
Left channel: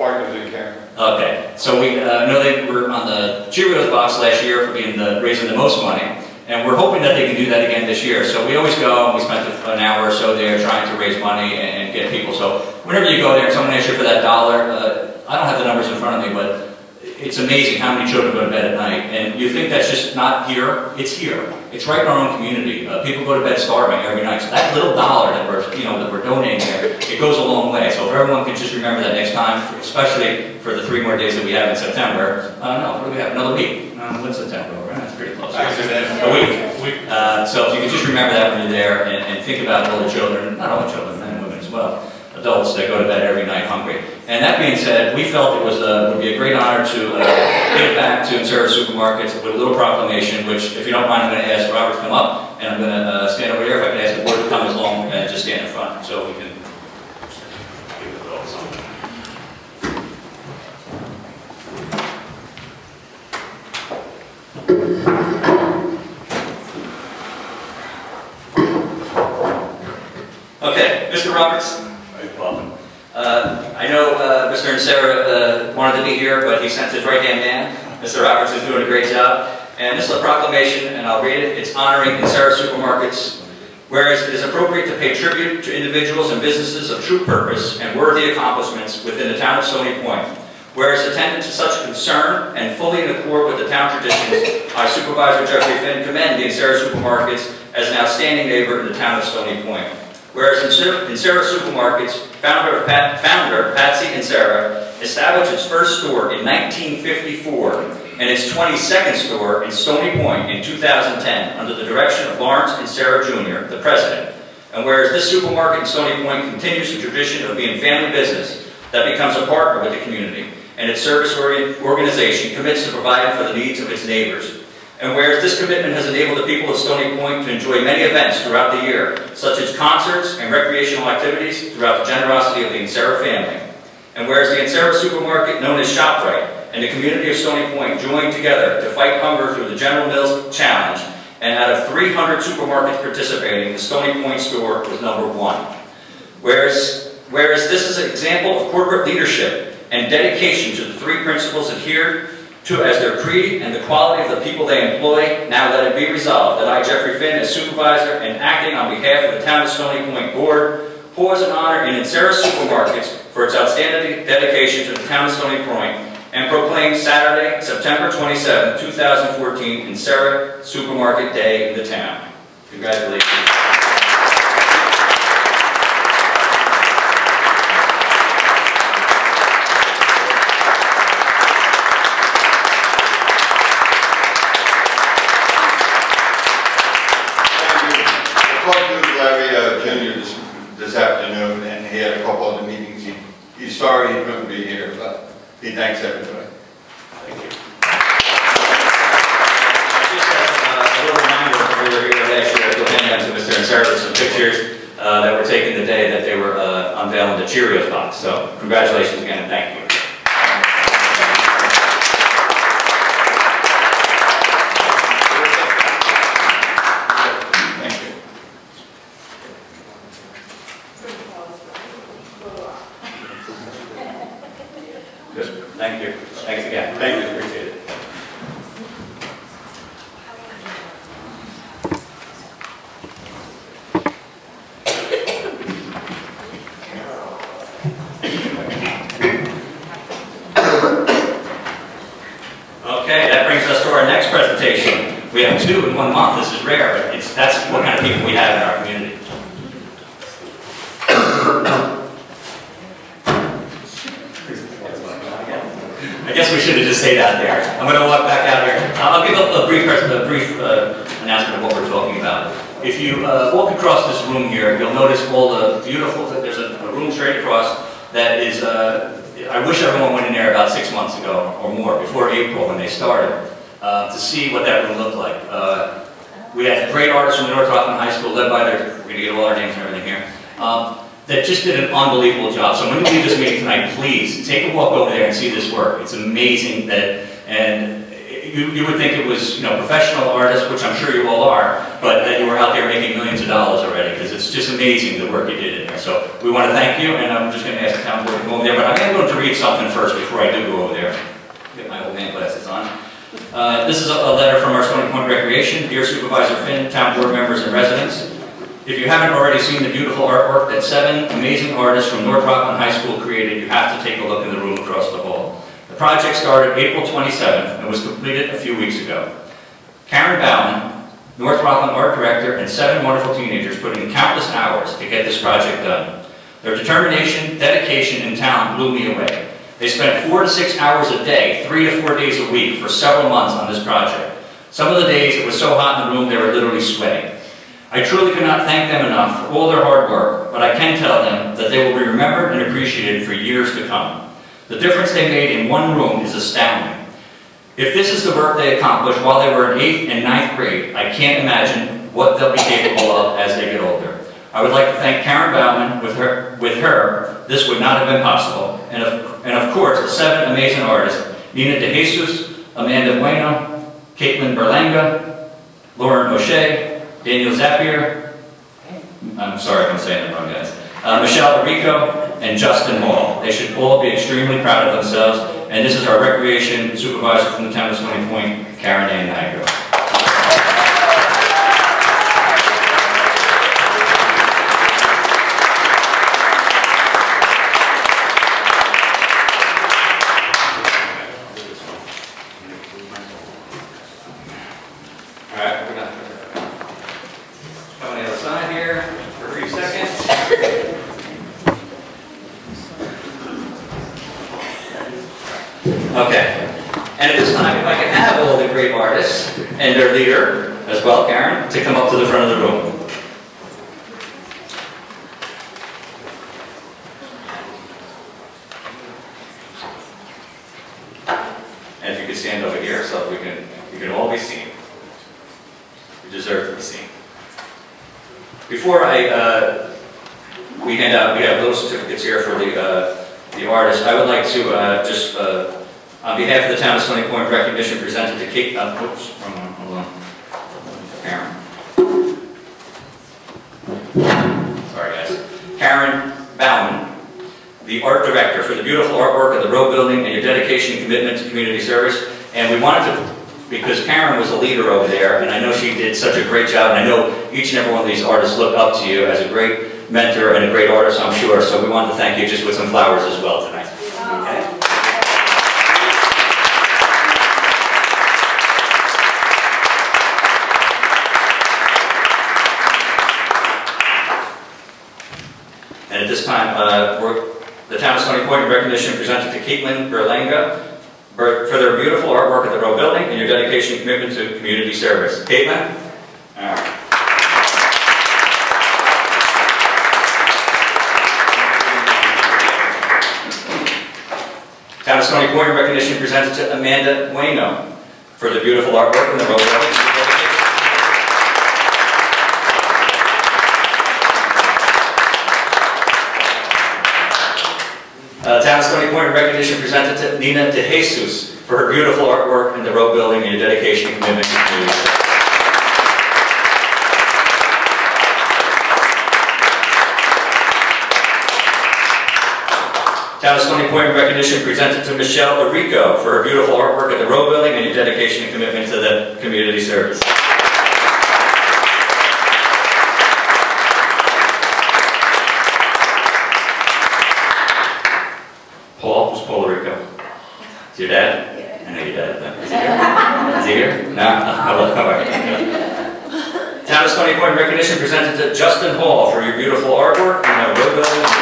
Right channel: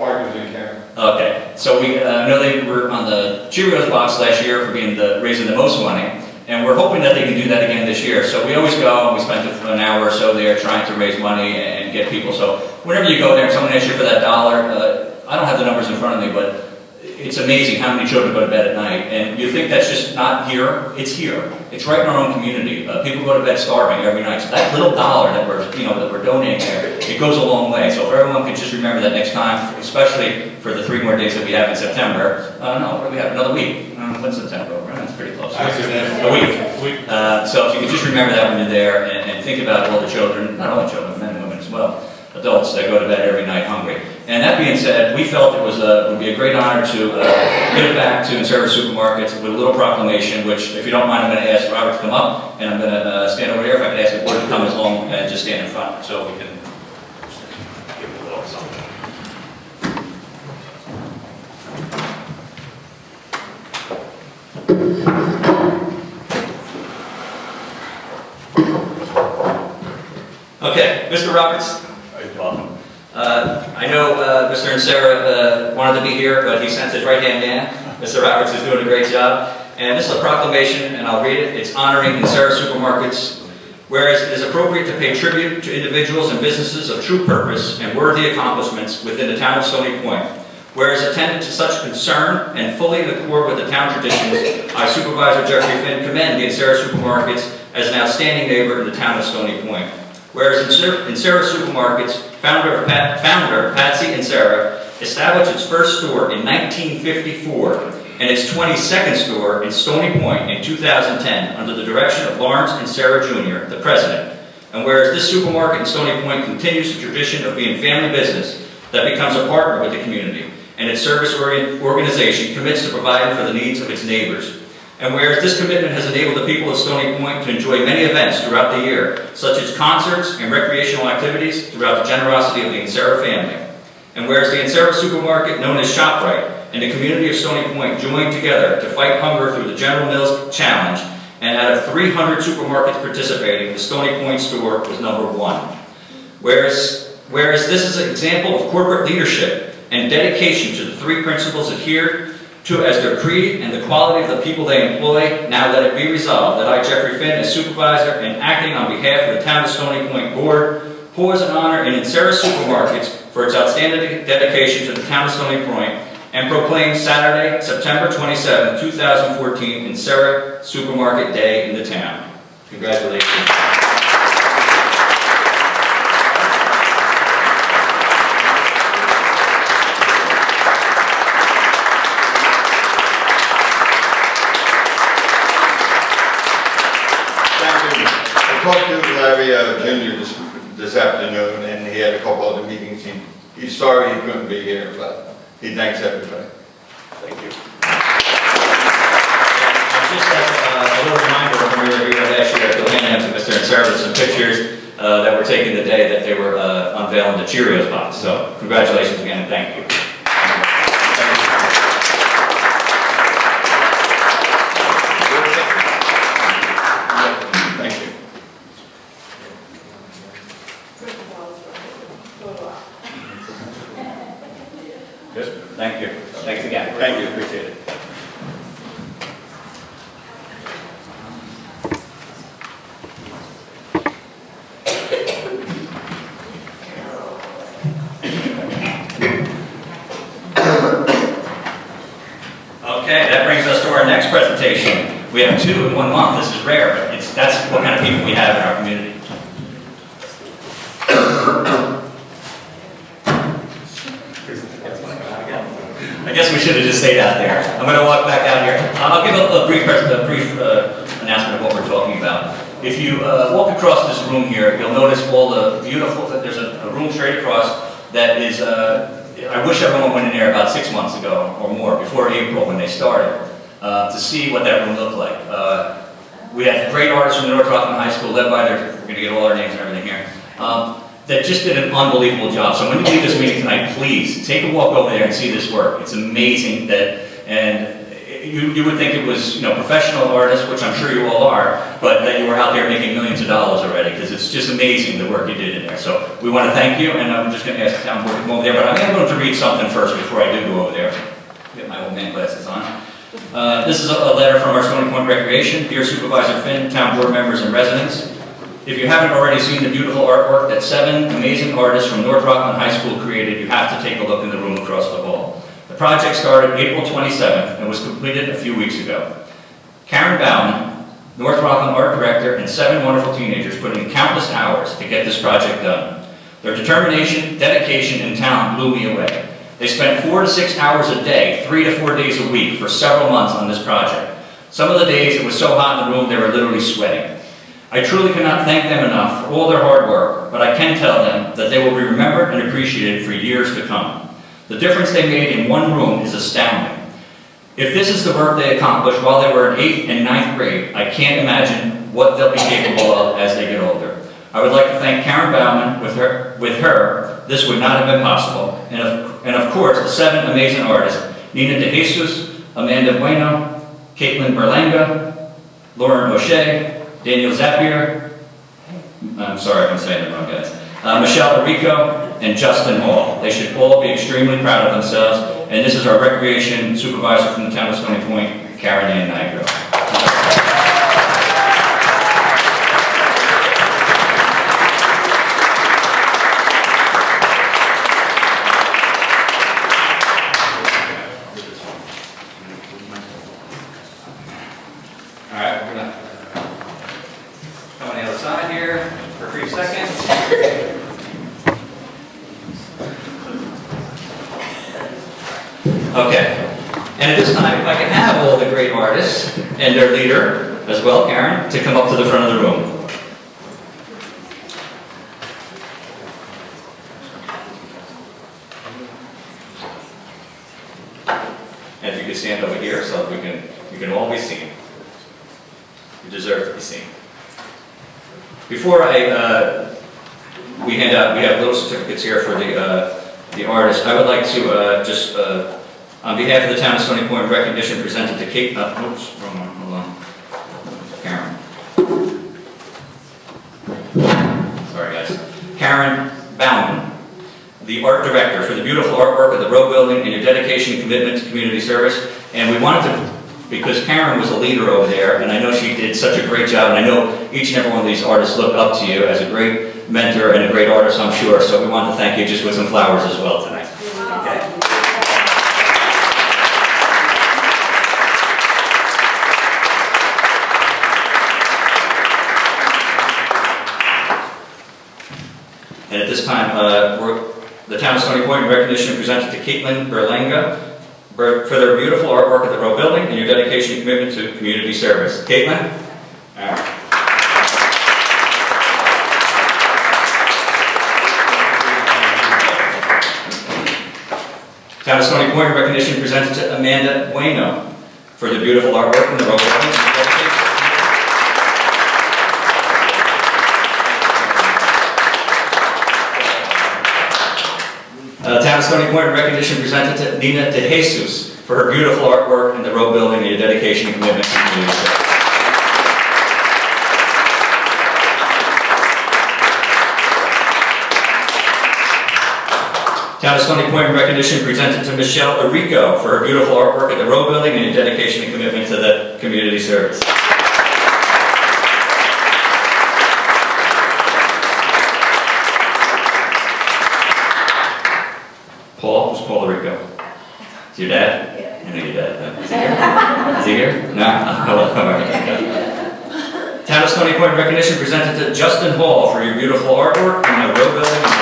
Okay. So we know they were on the Cheerios box last year for raising the most money. And we're hoping that they can do that again this year. So we always go and we spend an hour or so there trying to raise money and get people. So whenever you go there and someone asks you for that $1, I don't have the numbers in front of me, but it's amazing how many children go to bed at night. And you think that's just not here. It's here. It's right in our own community. People go to bed starving every night. So that little $1 that we're donating there, it goes a long way. So if everyone could just remember that next time, especially for the 3 more days that we have in September. No, we have another week. When's September over? That's pretty close. A week. So if you could just remember that when you're there and think about all the children, not all the children, men and women as well, adults that go to bed every night hungry. And that being said, we felt it would be a great honor to give back to Inserra Supermarkets with a little proclamation, which, if you don't mind, I'm going to ask Robert to come up, and I'm going to stand over here. If I can ask the board to come along and just stand in front so we can do a little something. Okay, Mr. Roberts. Welcome. I know Mr. Inserra wanted to be here, but he sent his right-hand man. Mr. Roberts is doing a great job. And this is a proclamation, and I'll read it. It's honoring Inserra Supermarkets. Whereas it is appropriate to pay tribute to individuals and businesses of true purpose and worthy accomplishments within the town of Stony Point. Whereas attendant to such concern and fully in accord with the town traditions, I, Supervisor Jeffrey Finn, commend the Inserra Supermarkets as an outstanding neighbor in the town of Stony Point. Whereas Inserra Supermarkets, founder Patsy Inserra, established its first store in 1954 and its 22nd store in Stony Point in 2010 under the direction of Lawrence Inserra Jr., the president. And whereas this supermarket in Stony Point continues the tradition of being family business that becomes a partner with the community, and its service organization commits to providing for the needs of its neighbors. And whereas this commitment has enabled the people of Stony Point to enjoy many events throughout the year, such as concerts and recreational activities throughout the generosity of the Inserra family. And whereas the Inserra Supermarket, known as ShopRite, and the community of Stony Point joined together to fight hunger through the General Mills Challenge, and out of 300 supermarkets participating, the Stony Point store was number 1. Whereas this is an example of corporate leadership and dedication to the 3 principles adhered to as their creed and the quality of the people they employ, now let it be resolved that I, Jeffrey Finn, as supervisor and acting on behalf of the Town of Stony Point Board, pours an honor in Inserra Supermarkets for its outstanding dedication to the Town of Stony Point and proclaims Saturday, September 27, 2014, Inserra Supermarket Day in the town. Congratulations. Junior this afternoon, and he had a couple other meetings. He's sorry he couldn't be here, but he thanks everybody. Thank you. Just as a little reminder, when we were here last year, Bill Henry went to Mr. Inserra with some pictures that were taken the day that they were unveiling the Cheerios box. So congratulations again, and thank you. Thank you. Thanks again. Thank you. Appreciate it. Okay, that brings us to our next presentation. We have 2 in 1 month. This is rare. That's what kind of people we have in our community. I guess we we should have just stayed out there. I'm going to walk back out here. I'll give a brief announcement of what we're talking about. If you walk across this room here, you'll notice all the beautiful, there's a room straight across that is, I wish everyone went in there about 6 months ago or more, before April when they started, to see what that room looked like. We had great artists from North Rockland High School, led by we're going to get all our names and everything here, that just did an unbelievable job. So when you leave this meeting tonight, please take a walk over there and see this work. It's amazing and you would think it was, professional artists, which I'm sure you all are, but that you were out there making millions of dollars already, because it's just amazing the work you did in there. So we want to thank you, and I'm just going to ask the town board to come over there, but I'm able to read something first before I do go over there. Get my old man glasses on. This is a letter from our Stony Point Recreation. Dear Supervisor Finn, town board members and residents, if you haven't already seen the beautiful artwork that 7 amazing artists from North Rockland High School created, you have to take a look in the room across the hall. The project started April 27th and was completed a few weeks ago. Karen Bowman, North Rockland art director, and 7 wonderful teenagers put in countless hours to get this project done. Their determination, dedication, and talent blew me away. They spent 4 to 6 hours a day, 3 to 4 days a week for several months on this project. Some of the days it was so hot in the room they were literally sweating. I truly cannot thank them enough for all their hard work, but I can tell them that they will be remembered and appreciated for years to come. The difference they made in one room is astounding. If this is the work they accomplished while they were in 8th and 9th grade, I can't imagine what they'll be capable of as they get older. I would like to thank Karen Bauman. With her, this would not have been possible. And of course, the 7 amazing artists, Nina De Jesus, Amanda Bueno, Caitlin Berlanga, Lauren O'Shea, Daniel Zapier, I'm sorry if I'm saying that wrong, guys, Michelle Rico, and Justin Hall. They should all be extremely proud of themselves. And this is our recreation supervisor from the town of Stony Point, Karen Ann Nigro. All right, we're gonna come on the other side here for a brief second. Okay. And at this time, if I could have all the great artists and their leader, as well, Karen, to come up to the front of the room. And you can stand over here so we can all be seen. You deserve to be seen. Before we have those certificates here for the artists, I would like to on behalf of the town of Stony Point, recognition presented to Kate. Oops, wrong one. Hold on. Karen. Sorry, guys. Karen Bauman, the art director, for the beautiful artwork of the Row Building and your dedication and commitment to community service. And we wanted to, because Karen was a leader over there, and I know she did such a great job, and I know each and every one of these artists look up to you as a great mentor and a great artist, I'm sure. So we wanted to thank you just with some flowers as well tonight. Okay. And at this time, the town of Stony Point recognition presented to Caitlin Berlanga for their beautiful artwork at the Row Building and your dedication and commitment to community service. Caitlin? All right. Town of Stony Point recognition presented to Amanda Bueno for the beautiful artwork in the Row Building. Town of Stony Point recognition presented to Nina De Jesus for her beautiful artwork in the Row Building and your dedication and commitment to community service. Town of Stony Point recognition presented to Michelle Arico for her beautiful artwork at the Row Building and your dedication and commitment to that community service. Paul, who's Paul Arico? Is your dad? I know your dad. Is he here? Is he here? No? Oh, come on. Town of Stony Point recognition presented to Justin Hall for your beautiful artwork in the Row Building and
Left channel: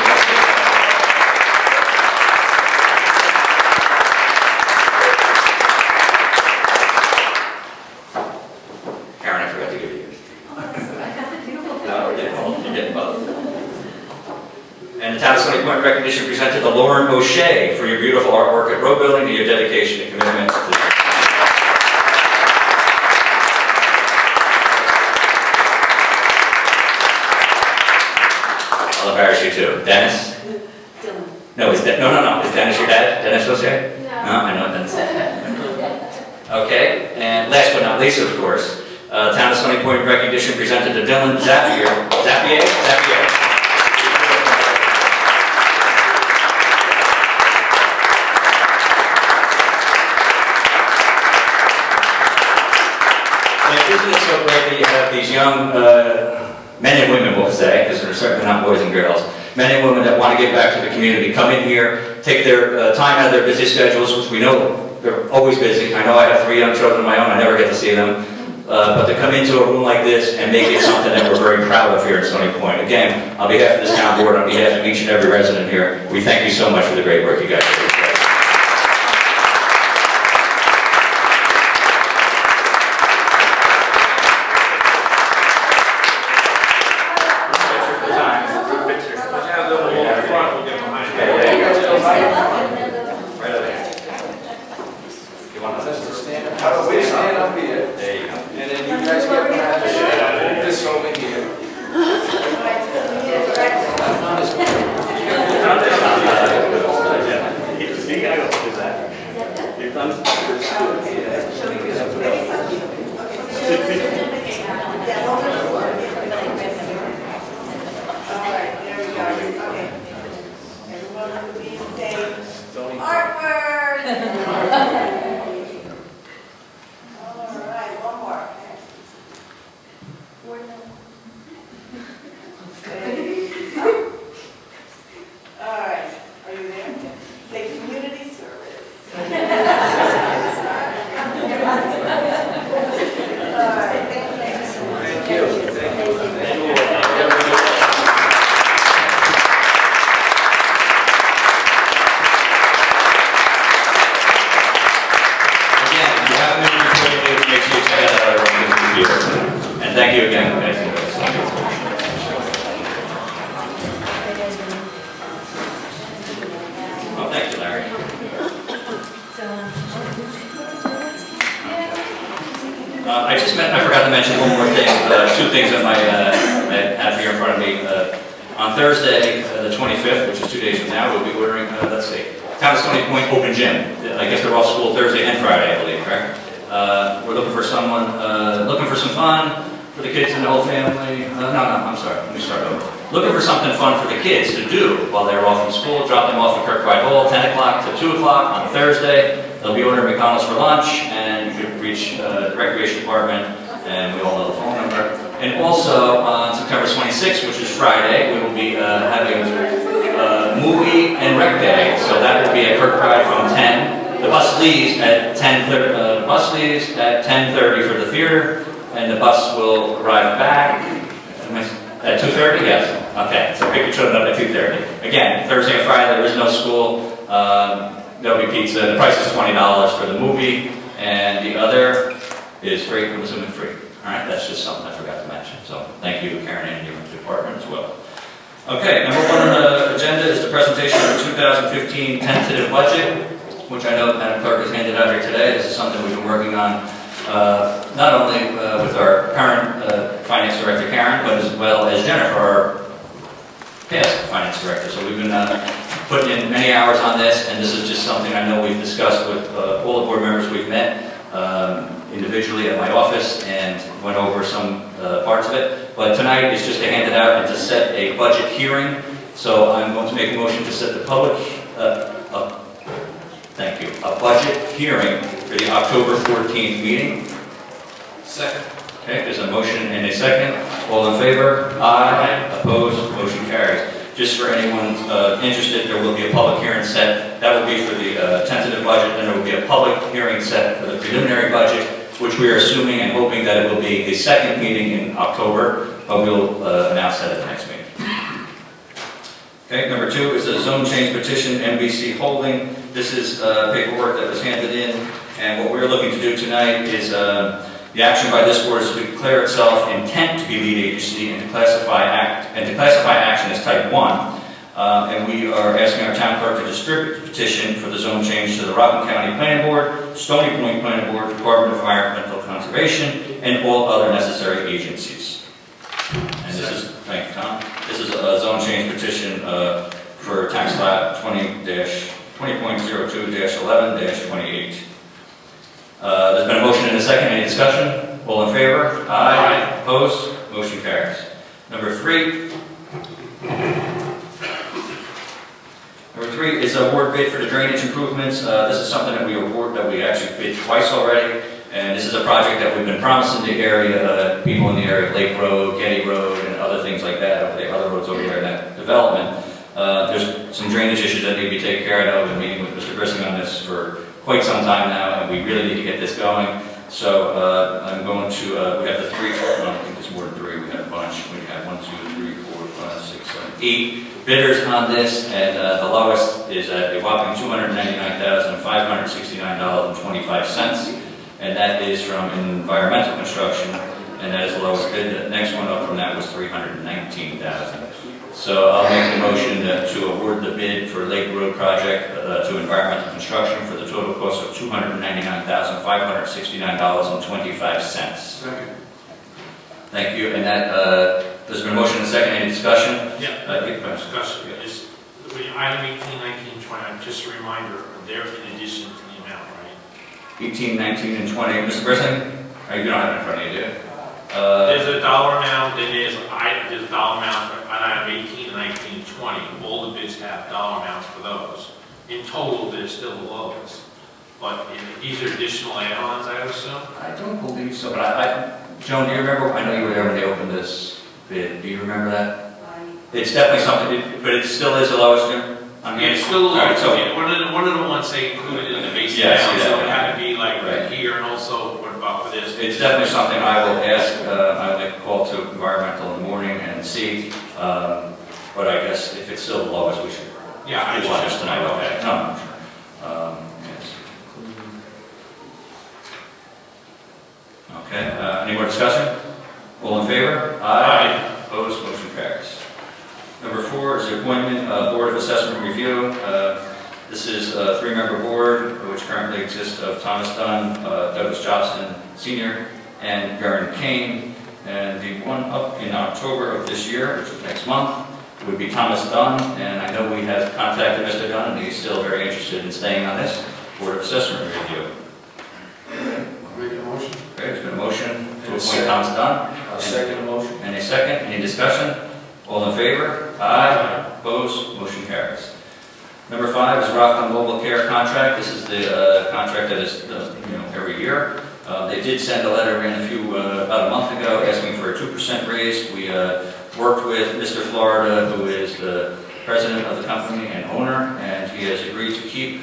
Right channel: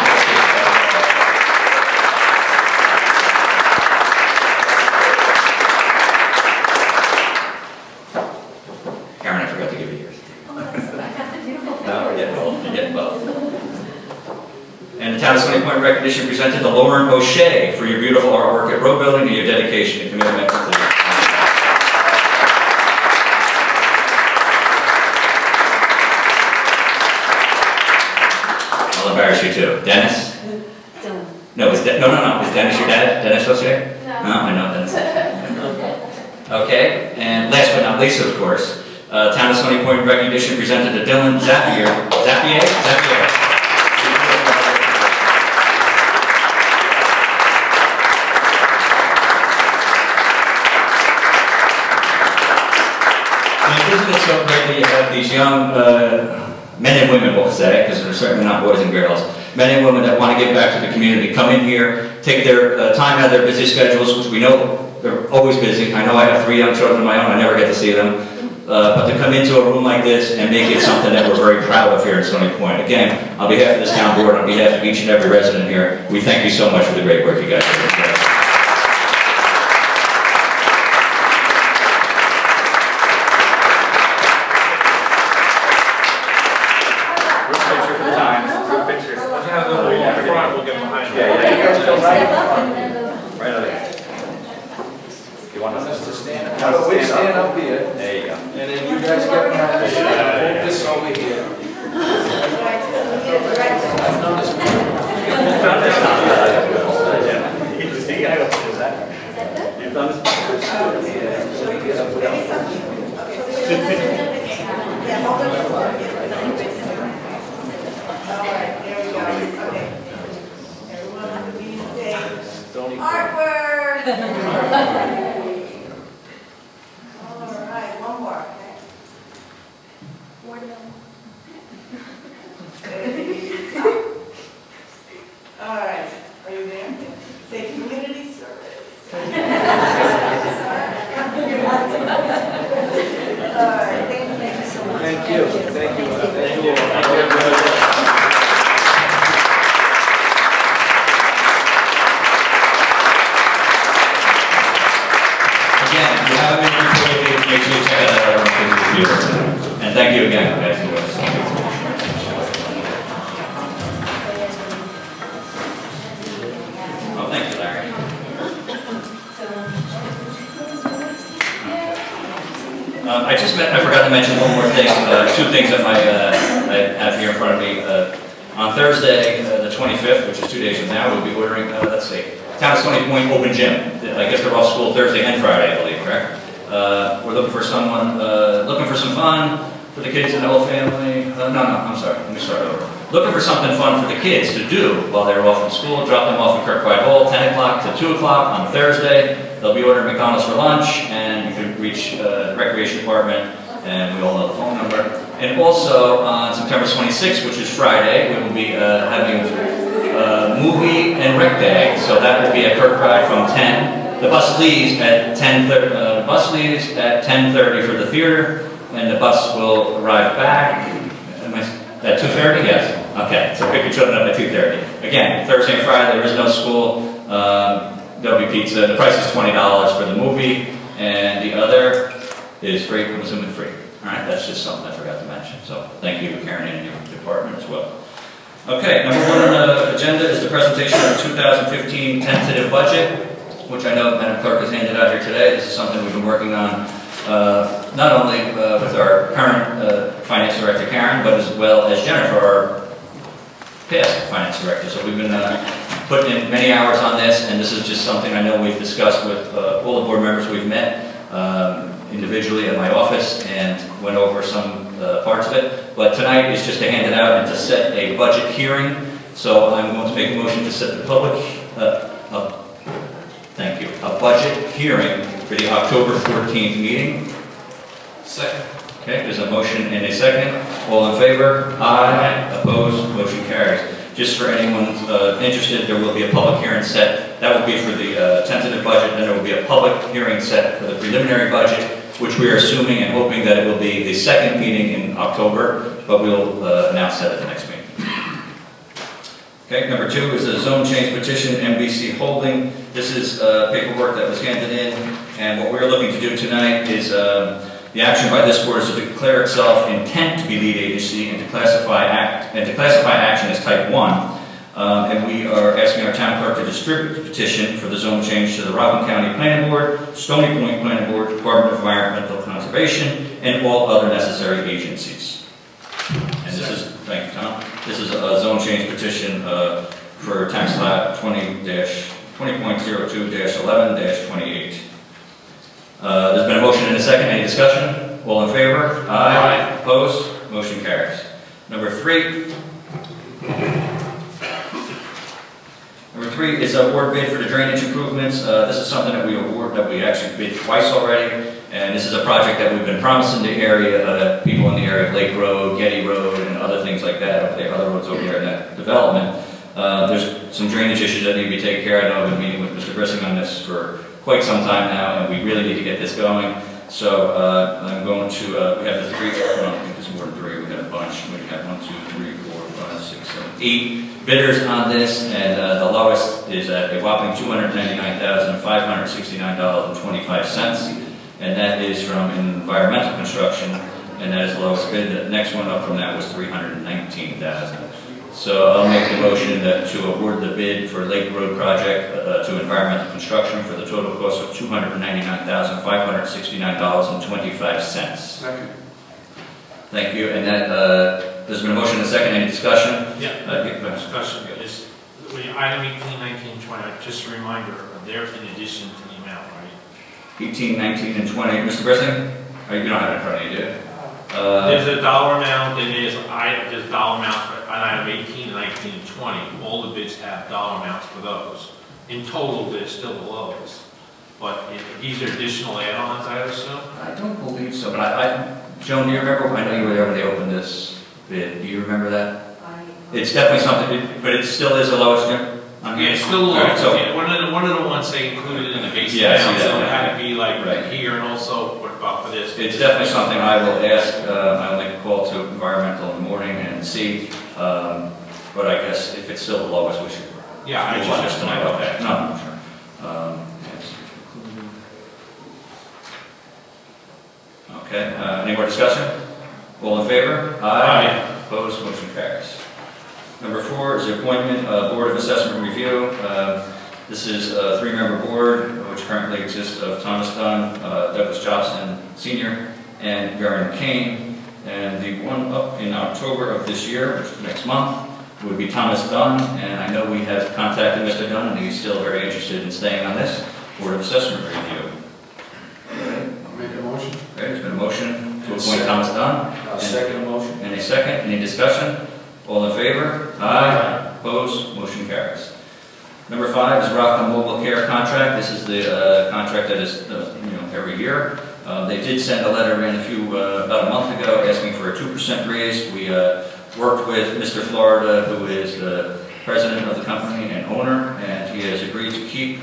And the Town of Stony Point recognition presented to Lauren O'Shea for your beautiful artwork at Road Building and your dedication and commitment to the I'll embarrass you too. Dennis? No, is Dennis your dad? Dennis O'Shea? No, I know Dennis. Okay, and last but not least, of course, Town of Stony Point recognition presented to Dylan Zapier. And isn't it so great that you have these young men and women, we'll say, because they're certainly not boys and girls, men and women that want to give back to the community, come in here, take their time out of their busy schedules, which we know they're always busy. I know I have 3 young children of my own. I never get to see them. But to come into a room like this and make it something that we're very proud of here in Stony Point. Again, on behalf of this town board, on behalf of each and every resident here, we thank you so much for the great work you guys do. Group picture. Once you have them in front, we'll get behind you. Right over here. You want us to stand? We stand up here, There you go. and then you guys get behind us. Hold this over here. That's not as You've done Artwork! Alright, one more, okay? Alright, are you there? Say community service. Alright, thank you so much. Thank you. And thank you again. Well, thank you, Larry. I forgot to mention one more thing, 2 things I might have here in front of me. On Thursday, the 25th, which is 2 days from now, we'll be ordering, Town of Stony Point Open Gym. I guess they're off school Thursday and Friday, I believe, right? We're looking for some fun for the kids and the whole family. I'm sorry. Let me start over. Looking for something fun for the kids to do while they're off from school. Drop them off at Kirkbride Hall, 10 o'clock to 2 o'clock on Thursday. They'll be ordering McDonald's for lunch, and you can reach the recreation department, and we all know the phone number. And also on September 26th, which is Friday, we will be having movie and rec day. So that will be at Kirkbride from 10. The bus leaves at 10:30 for the theater, and the bus will arrive back at 2:30. Yes. Okay. So pick your children up at 2:30. Again, Thursday and Friday there is no school. There'll be pizza. The price is $20 for the movie, and the other is free. Comes in free. All right. That's just something I forgot to mention. So thank you, Karen, and your department as well. Okay. Number 1 on the agenda is the presentation of the 2015 tentative budget, which I know Madam Clerk has handed out here today. This is something we've been working on, not only with our current Finance Director, Karen, but as well as Jennifer, our past Finance Director. So we've been putting in many hours on this, and this is just something I know we've discussed with all the board members we've met individually at my office and went over some parts of it. But tonight is just to hand it out and to set a budget hearing. So I'm going to make a motion to set the public Thank you. A budget hearing for the October 14th meeting. Second. Okay, there's a motion and a second. All in favor? Aye. Opposed? Motion carries. Just for anyone interested, there will be a public hearing set. That will be for the tentative budget. Then there will be a public hearing set for the preliminary budget, which we are assuming and hoping that it will be the second meeting in October, but we'll announce that at the next meeting. Okay, number 2 is a zone change petition, MBC Holding. This is paperwork that was handed in, and what we're looking to do tonight is the action by this board is to declare itself intent to be lead agency and to classify action as type 1. And we are asking our town clerk to distribute the petition for the zone change to the Rockland County Planning Board, Stony Point Planning Board, Department of Environmental Conservation, and all other necessary agencies. And this is, thank you, Tom. This is a zone change petition for tax lot 20.02-11-28. There's been a motion and a second. Any discussion? All in favor? Aye. Opposed? Motion carries. Number three is award bid for the drainage improvements. This is something that we actually bid twice already, and this is a project that we've been promising the area, people in the area, Lake Road, Getty Road, and other things like that, over there, other roads over there in that development. There's some drainage issues that need to be taken care of. I've been meeting with Mr. Grissing on this for quite some time now, and we really need to get this going. So I'm going to, we have the three, well, I think it's more than three, we got a bunch. We have 1, 2, 3, 4, 5, 6, 7, 8 bidders on this, and the lowest is at a whopping $299,569.25, and that is from Environmental Construction, and that is the lowest bid. The next one up from that was $319,000. So I'll make a motion to award the bid for Lake Road project to Environmental Construction for the total cost of $299,569.25. Second. Thank you. And that there's been a motion and a second. Any discussion? Yeah. Discussion is item 18, 19, 20. Just a reminder, they're in addition to the amount, right? 18, 19, and 20. Mr. Brisson? You don't have it in front of you, do you? There's a dollar amount, and there's a dollar amount on item 18, 19, and 20. All the bids have dollar amounts for those. In total, they're still the lowest. But these are additional add-ons, I would assume? I don't believe so, but Joan, do you remember? I know you were there when they opened this bid. Do you remember that? It's definitely something, but it still is the lowest. Yeah, it's still the lowest. So one of the ones they included in the base amount, so it had to be like right here, and also what about for this? It's definitely something I will ask. I'll make a call to Environmental in the morning and see. But I guess if it's still the lowest, we should. Yeah, I want this tonight. Okay. No. Okay. Any more discussion? All in favor? Aye. Opposed? Motion carries. Number 4 is the appointment Board of Assessment Review. This is a 3-member board, which currently exists of Thomas Dunn, Douglas Jobson Sr., and Garen Kane. And the one up in October of this year, which is next month, would be Thomas Dunn. And I know we have contacted Mr. Dunn, and he's still very interested in staying on this Board of Assessment Review. Make a motion. Okay, there's been a motion to appoint Thomas Dunn. I'll second the motion. And a second. Any discussion? All in favor? Aye. Opposed? Motion carries. Number 5 is Rockland Mobile Care contract. This is the contract that is every year. They did send a letter in about a month ago asking for a 2% raise. We worked with Mr. Florida, who is the president of the company and owner, and he has agreed to keep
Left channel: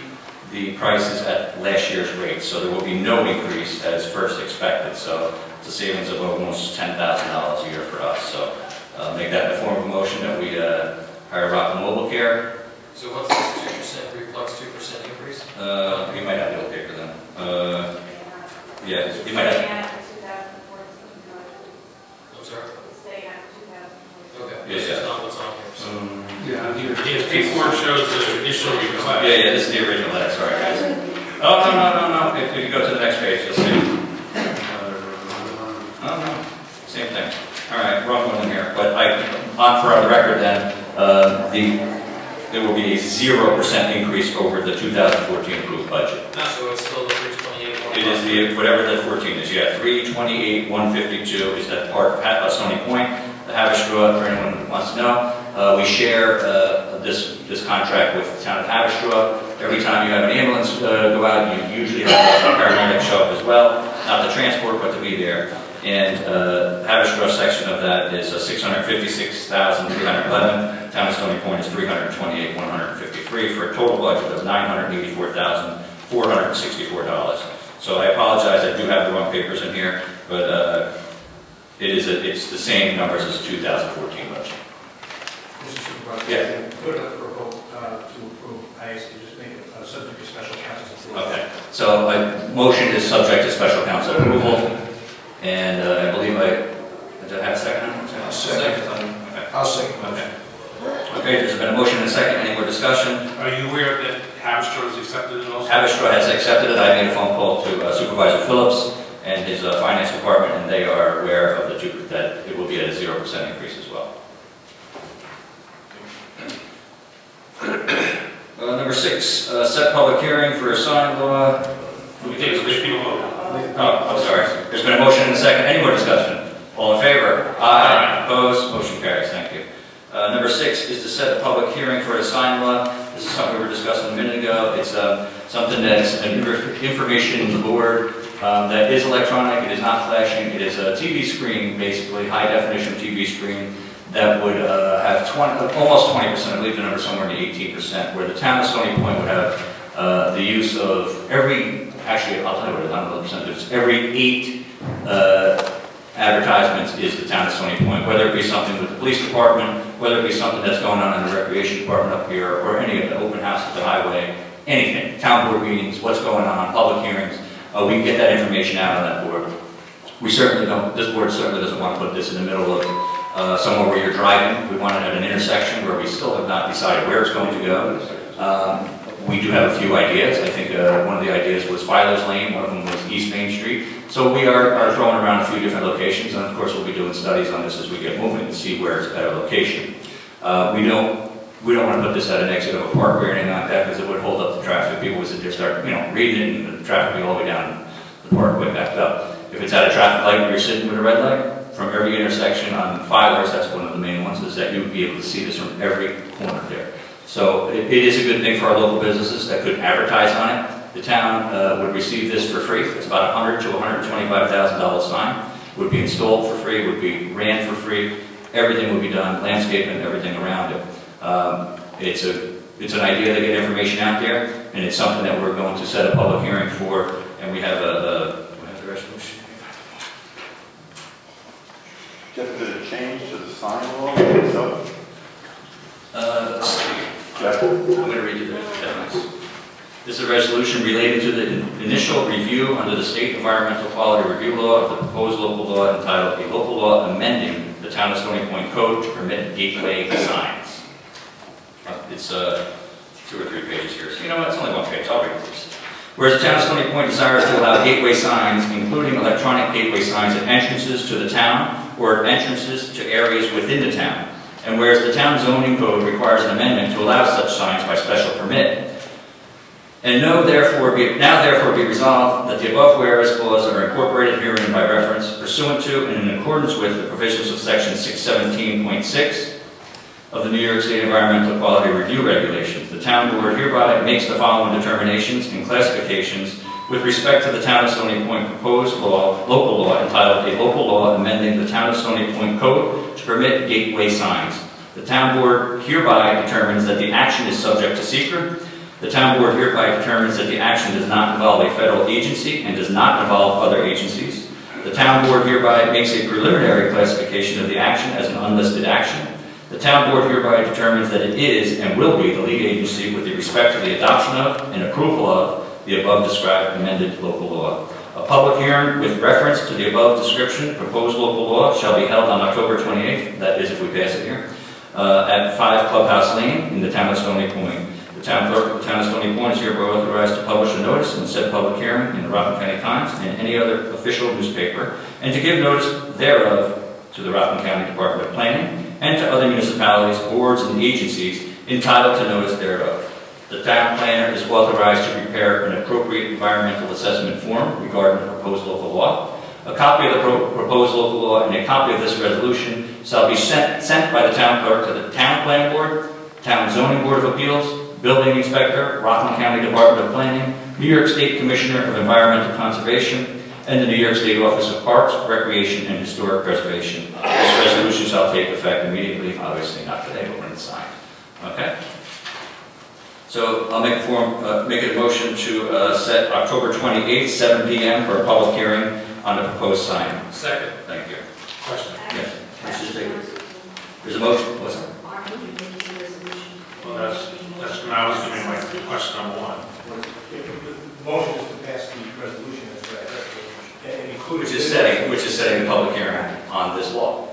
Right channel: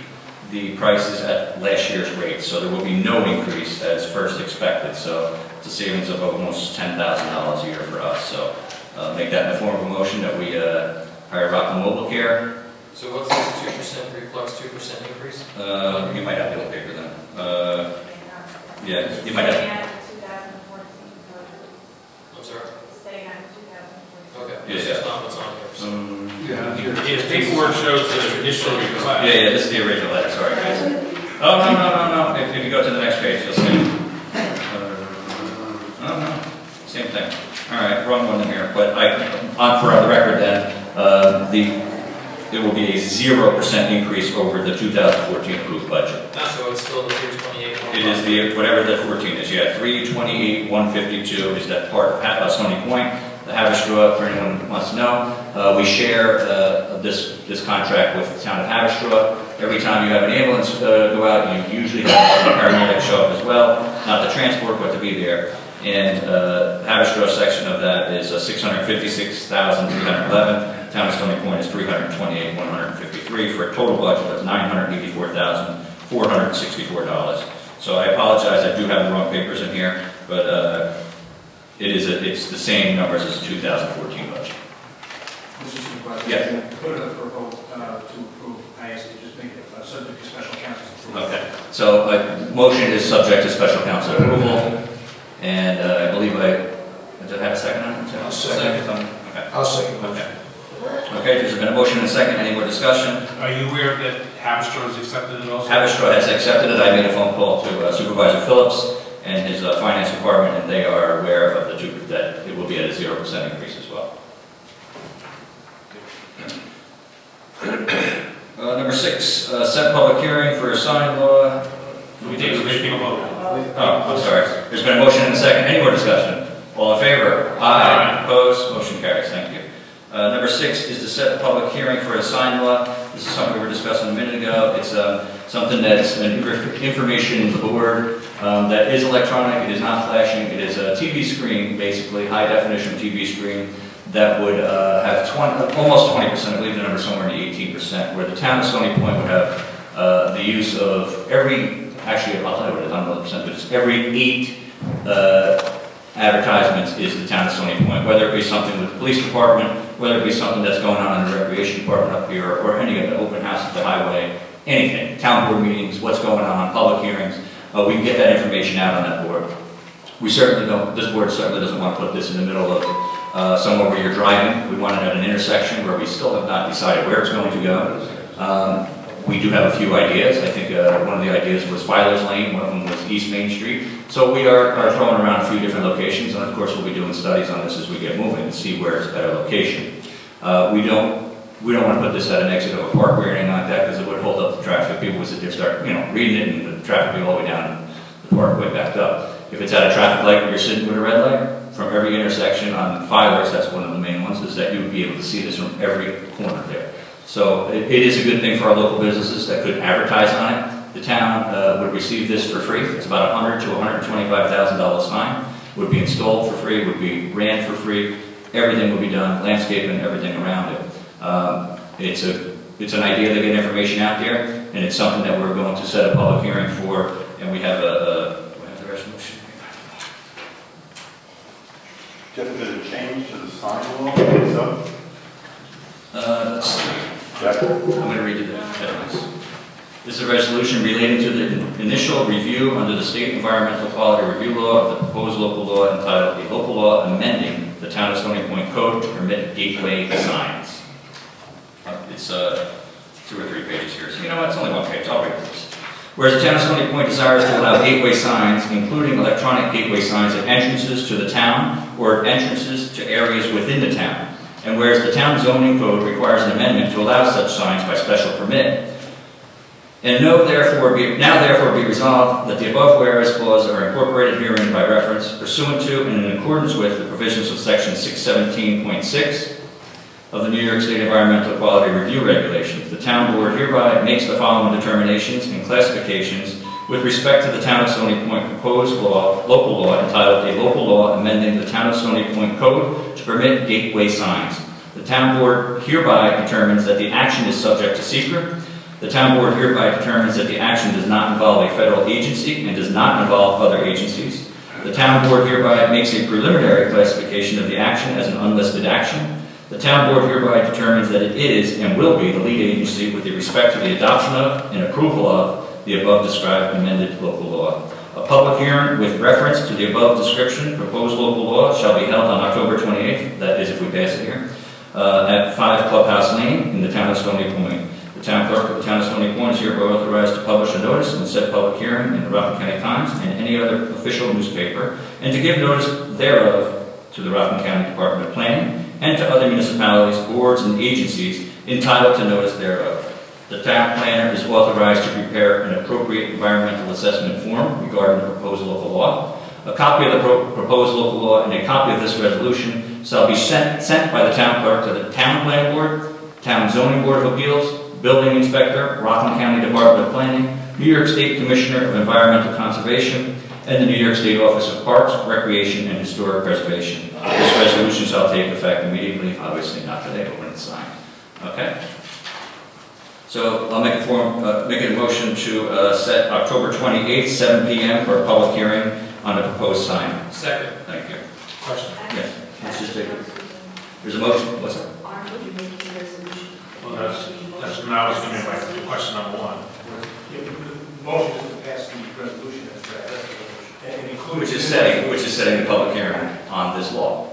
the prices at last year's rate. So there will be no increase as first expected. So it's a savings of almost $10,000 a year for us. So make that in the form of a motion that we hire Rockland Mobile Care. So what's this 2% reflects 2% increase? You might have the old paper then. Yeah, you might have. I'm sorry? Staying after 2014. Okay. Yes, It's not what's on here. Yeah, paperwork shows the initial request. Yeah, this is the original letter, sorry guys. Oh, no. If you go to the next page, you'll see. No. Same thing. Alright, wrong one in here. But for the record then, there will be a 0% increase over the 2014 approved budget. No, so it's still 328. It is whatever the 14 is. Yeah, 328,152 is that part of Stony Point. The Haverstraw, for anyone who wants to know, we share this contract with the town of Haverstraw. Every time you have an ambulance go out, you usually have a paramedic show up as well. Not to transport, but to be there. And the Haverstraw section of that is $656,311. Town of Stony Point is $328,153 for a total budget of $984,464. So I apologize, I do have the wrong papers in here, but it's the same numbers as the 2014 budget. Mr. Supervisor, yes. Put it up for a vote to approve. I ask you just make it subject to special counsel's approval. Okay. So my motion is subject to special counsel approval, and I believe did I have a second on it? I'll second. Okay. I'll second. Okay. Okay, there's been a motion and a second. Any more discussion? Are you aware that Haverstraw has accepted it also? Haverstraw has accepted it. I made a phone call to Supervisor Phillips and his finance department, and they are aware of that it will be at a 0% increase as well. Number 6, set public hearing for a sign law. We take a vote. Oh, I'm sorry. There's been a motion and a second. Any more discussion? All in favor? Aye. Opposed? Motion carries. Thank you. Number 6 is to set a public hearing for a sign law. This is something we were discussing a minute ago. It's something that's an information board that is electronic. It is not flashing. It is a TV screen, basically, high definition TV screen that would have almost 20%, I believe the number is somewhere in the 18%, where the town of Stony Point would have the use of actually, I'll tell you what it is, I don't know the percentage, every 8 advertisements is the town of Stony Point, whether it be something with the police department, whether it be something that's going on in the recreation department up here, or any of the open houses at the highway, anything, town board meetings, what's going on, public hearings, we can get that information out on that board. This board certainly doesn't want to put this in the middle of somewhere where you're driving. We want it at an intersection where we still have not decided where it's going to go. We do have a few ideas. I think one of the ideas was Filer's Lane, one of them was East Main Street. So we are throwing around a few different locations, and of course we'll be doing studies on this as we get moving to see where is a better location. We don't want to put this at an exit of a park or anything like that because it would hold up the traffic. People would sit there, start reading it, and the traffic would go all the way down the parkway backed up. If it's at a traffic light, you're sitting with a red light. From every intersection on Filer's, that's one of the main ones, is that you would be able to see this from every corner there. So it is a good thing for our local businesses that could advertise on it. The town would receive this for free. It's about $100,000 to $125,000 sign. Would be installed for free. Would be ran for free. Everything would be done, landscaping, everything around it. It's an idea to get information out there, and it's something that we're going to set a public hearing for. And we have the resolution. Jeff, did it change to the sign law? Let's see. I'm going to read you this. This is a resolution relating to the initial review under the State Environmental Quality Review Law of the proposed local law entitled A Local Law Amending the Town of Stony Point Code to Permit Gateway Signs. It's 2 or 3 pages here. So you know what? It's only 1 page. I'll read this. Whereas the town of Stony Point desires to allow gateway signs, including electronic gateway signs at entrances to the town or at entrances to areas within the town. And whereas the town zoning code requires an amendment to allow such signs by special permit. And now therefore be resolved that the above whereas clauses are incorporated herein by reference, pursuant to and in accordance with the provisions of section 617.6 of the New York State Environmental Quality Review Regulations. The town board hereby makes the following determinations and classifications with respect to the town of Stony Point proposed local law entitled A Local Law Amending the Town of Stony Point Code to Permit Gateway Signs. The town board hereby determines that the action is subject to secret. The town board hereby determines that the action does not involve a federal agency and does not involve other agencies. The town board hereby makes a preliminary classification of the action as an unlisted action. The town board hereby determines that it is and will be the lead agency with respect to the adoption of and approval of the above described amended local law. A public hearing with reference to the above description proposed local law shall be held on October 28th, that is if we pass it here, at 5 Clubhouse Lane in the town of Stony Point. The town clerk of the town of Stony Point is hereby authorized to publish a notice in said public hearing in the Rockland County Times and any other official newspaper, and to give notice thereof to the Rockland County Department of Planning and to other municipalities, boards, and agencies entitled to notice thereof. The town planner is authorized to prepare an appropriate environmental assessment form regarding the proposed local law. A copy of the proposed local law and a copy of this resolution shall be sent by the town clerk to the town planning board, town zoning board of appeals, building inspector, Rockland County Department of Planning, New York State Commissioner of Environmental Conservation, and the New York State Office of Parks, Recreation, and Historic Preservation. This resolution shall take effect immediately, obviously not today, but when it's signed. Okay? So I'll make a motion to set October 28th, 7 p.m. for a public hearing on a proposed sign. Second. Thank you. Question. Yes. There's a motion. What's that? Well, that's what I was going to like question number 1. The motion is to pass the resolution and include Which is setting the public hearing on this law.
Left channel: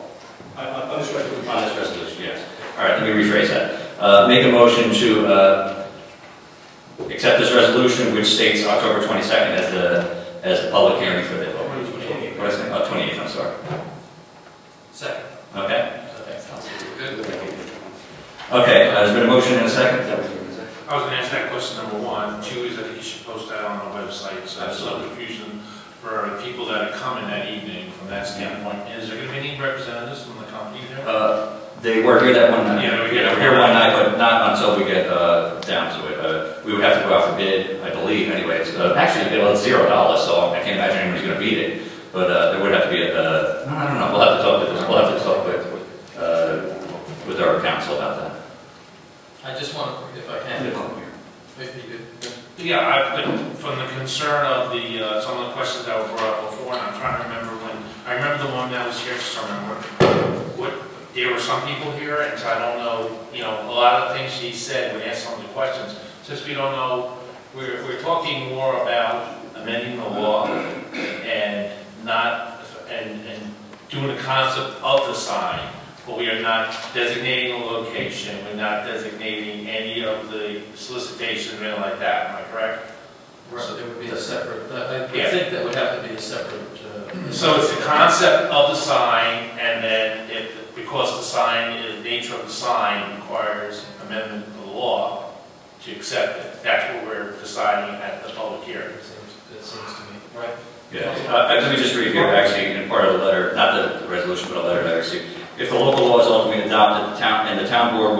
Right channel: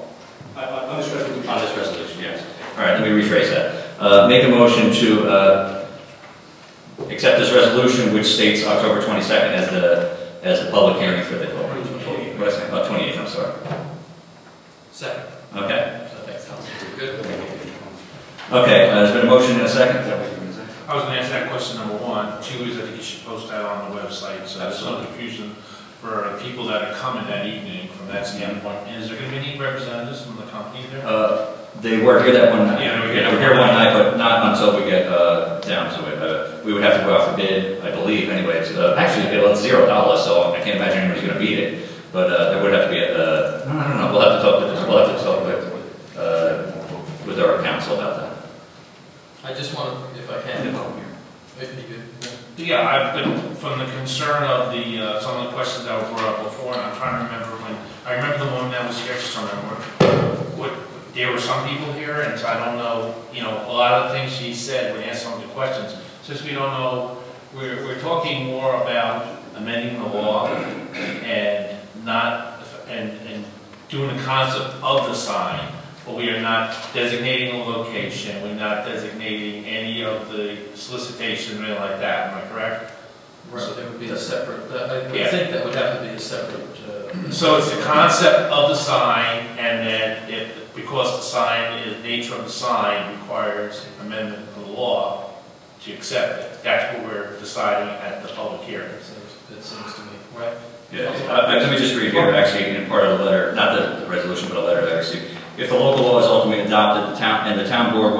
On this resolution. On this resolution, yes. All right, let me rephrase that. Make a motion to accept this resolution, which states October 22nd as the public hearing for the 28th. I'm sorry. Second. Okay. Good. Okay. There's been a motion and a second. I was going to ask that question number one. Two is that you should post that on the website, so there's no confusion for people that are coming that evening from that standpoint. And is there going to be any representatives from the company there? They were here that one night. Yeah, they were here one night, but not until we get down to it. We would have to go out for bid, I believe. Anyways, actually, it was $0, so I can't imagine anyone's going to beat it. But there would have to be I don't know. We'll have to talk to this. We'll have to talk with our council about that. I just want, if I can. If you could. Yeah, from the concern of the some of the questions that were brought up before, and I'm trying to remember I remember the one that was here. There were some people here, and so I don't know. A lot of things he said when he asked some of the questions. Since we don't know, we're talking more about amending the law and doing the concept of the sign. But we are not designating a location. We're not designating any of the solicitation or anything like that. Am I correct? Right. So there would be a separate. I think that would have to be a separate. So it's the concept of the sign, and then because the sign is the nature of the sign requires amendment of the law to accept it. That's what we're deciding at the public hearing. That seems to me right. Yeah. Let me just review actually in part of the letter, not the resolution, but a letter that I received. If the local law is ultimately adopted, the town board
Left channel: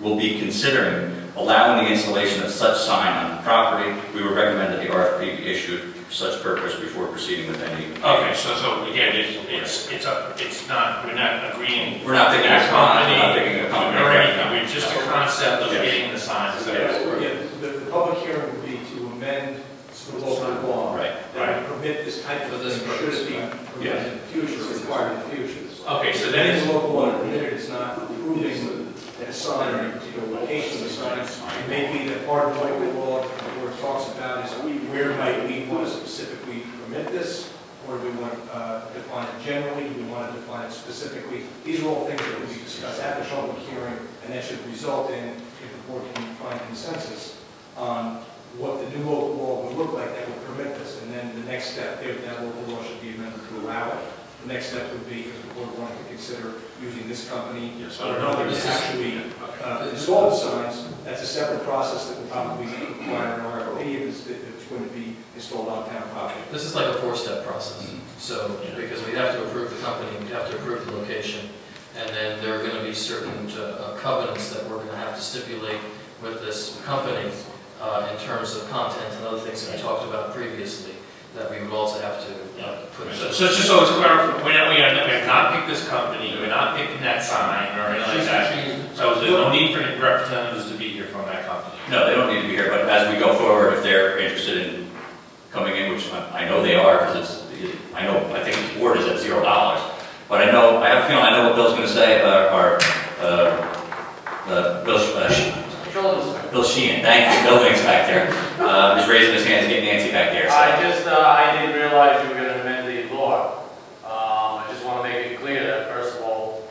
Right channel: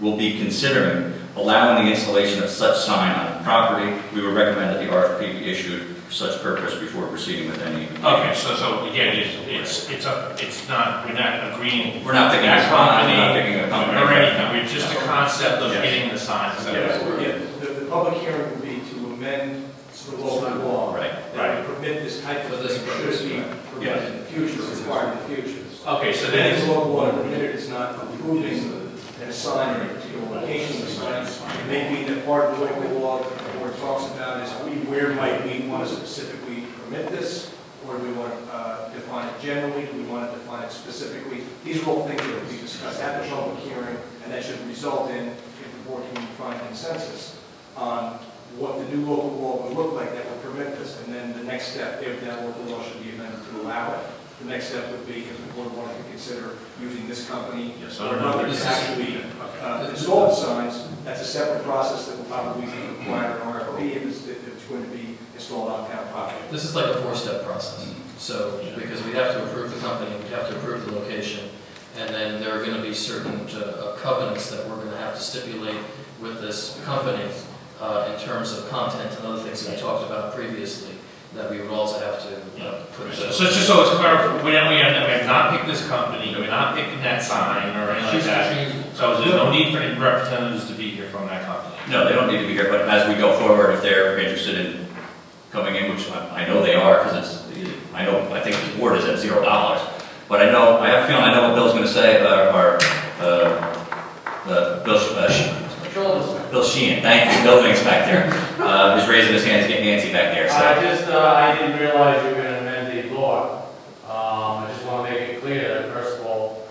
will be considering allowing the installation of such sign on the property. We would recommend that the RFP be issued for such purpose before proceeding with any. Okay, so again, it's not. We're not agreeing. We're not picking a company. We're not picking a company or anything. We're just the concept of getting the sign. The public hearing would be to amend the local law. Right. That would permit this type of thing. Should it be permitted in the future, required in the future. Okay, so then then it's local law permitted. It's not approving a sign or a particular location of the sign. It may be that part of the local law where it talks about is where might we want to specifically permit this, or do we want to define it generally? Do we want to define it specifically? These are all things that will be discussed at the public hearing, and that should result in, if the board can find consensus on what the new local law would look like that would permit this. And then the next step, if that local law should be amended to allow it, the next step would be if the board wanted to consider using this company or another to actually install the signs. That's a separate process that will probably be required in RFP if it's going to be installed on town property. This is like a 4-step process. So, because we have to approve the company, we have to approve the location, and then there are going to be certain covenants that we're going to have to stipulate with this company in terms of content and other things that we talked about previously that we would also have to put. So just so it's clear, we have not picked this company, we're not picking that sign or anything like that. So there's no need for any representatives to be here from that company. No, they don't need to be here, but as we go forward, if they're interested in coming in, which I know they are, because I think this board is at $0. But I have a feeling I know what Bill's going to say, Bill Sheehan, thank you. Building inspector is raising his hand, getting antsy back there. So. I didn't realize you were going to amend the law. I just want to make it clear that first of all,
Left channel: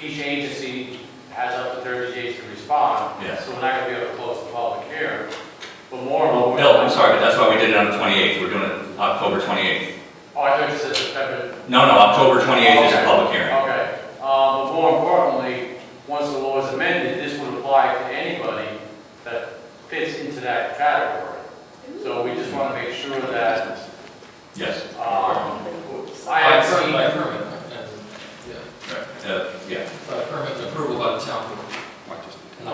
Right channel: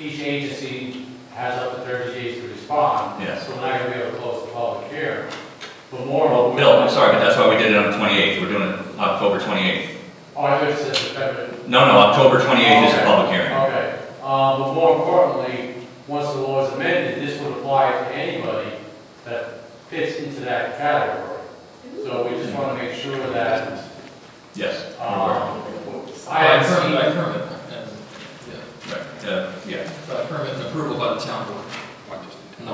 each agency has up to 30 days to respond. Yes. So we're not going to be able to close the public hearing. But Well, Bill, I'm sorry, but that's why we did it on the 28th. We're doing it October 28th. Oh, I thought you said September. No, October 28th is the public hearing. Okay. But more importantly, once the law is amended, this would apply to anybody that fits into that category. So we just want to make sure that Yes. I have seen permit. Permit approval by the town board.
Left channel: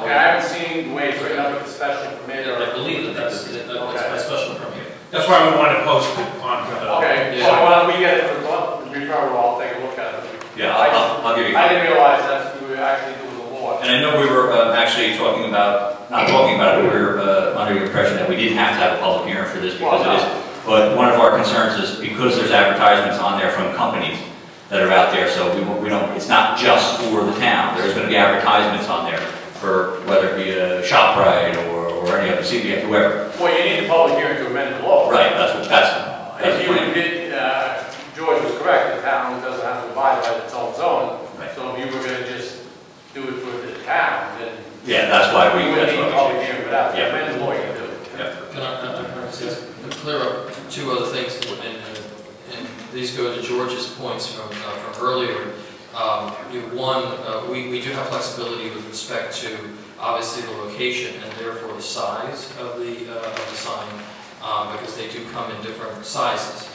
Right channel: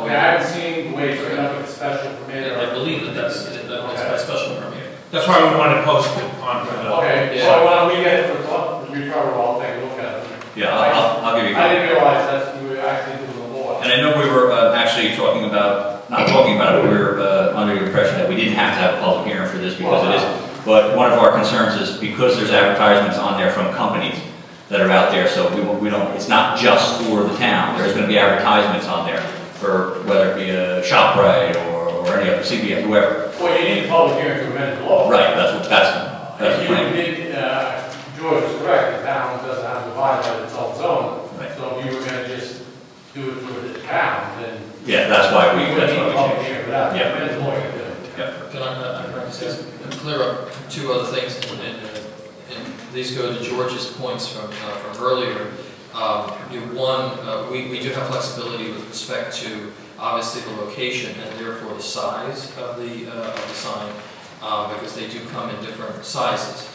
Okay, I haven't seen the way to look at the special permit. I believe that's a special permit. That's why we want to post it on for the. Okay, so why don't we get it for the referral? I'll take a look at it. Yeah, I'll give you. I didn't realize that we were actually doing the law. And I know we were actually not talking about it, but we were under the impression that we didn't have to have a public hearing for this because it is. But one of our concerns is because there's advertisements on there from companies that are out there, so we don't. It's not just for the town. There's going to be advertisements on there for whether it be a ShopRite or any other CVS, whoever. Well, you need a public hearing to amend the law. Right. That's if you did, George was correct. The town doesn't have to abide by its own zone. Right. So if you were going to just do it for the town, then. Yeah, that's why we. That's what we do. Without Yeah. depends on what you do. Yeah. Can I just clear up two other things, and these go to George's points from earlier. One, we do have flexibility with respect to obviously the location and therefore the size of the sign, because they do come in different sizes.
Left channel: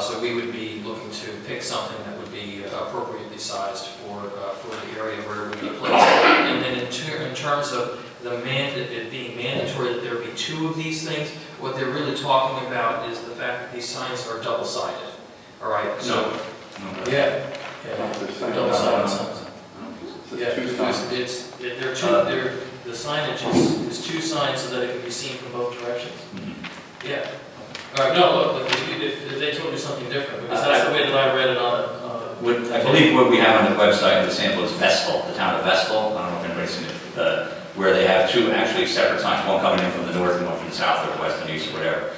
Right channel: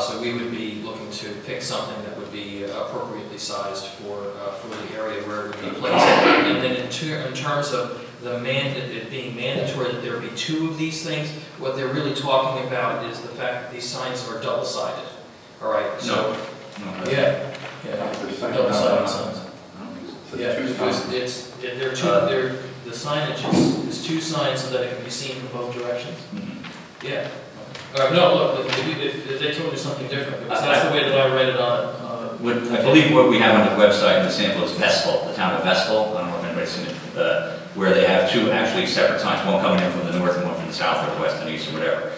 So we would be looking to pick something that would be appropriately sized for the area where it would be placed. And then in terms of it being mandatory that there be two of these things, what they're really talking about is the fact that these signs are double-sided. All right. So yeah. Double-sided signs. Yeah, because the signage is two signs so that it can be seen from both directions. Mm-hmm. Yeah. No, look, if they told you something different, because that's the way that I read it on. I believe what we have on the website in the sample is Vestal, the town of Vestal. I don't know if anybody's seen it, where they have two actually separate signs, one coming in from the north and one from the south or the west and east or whatever.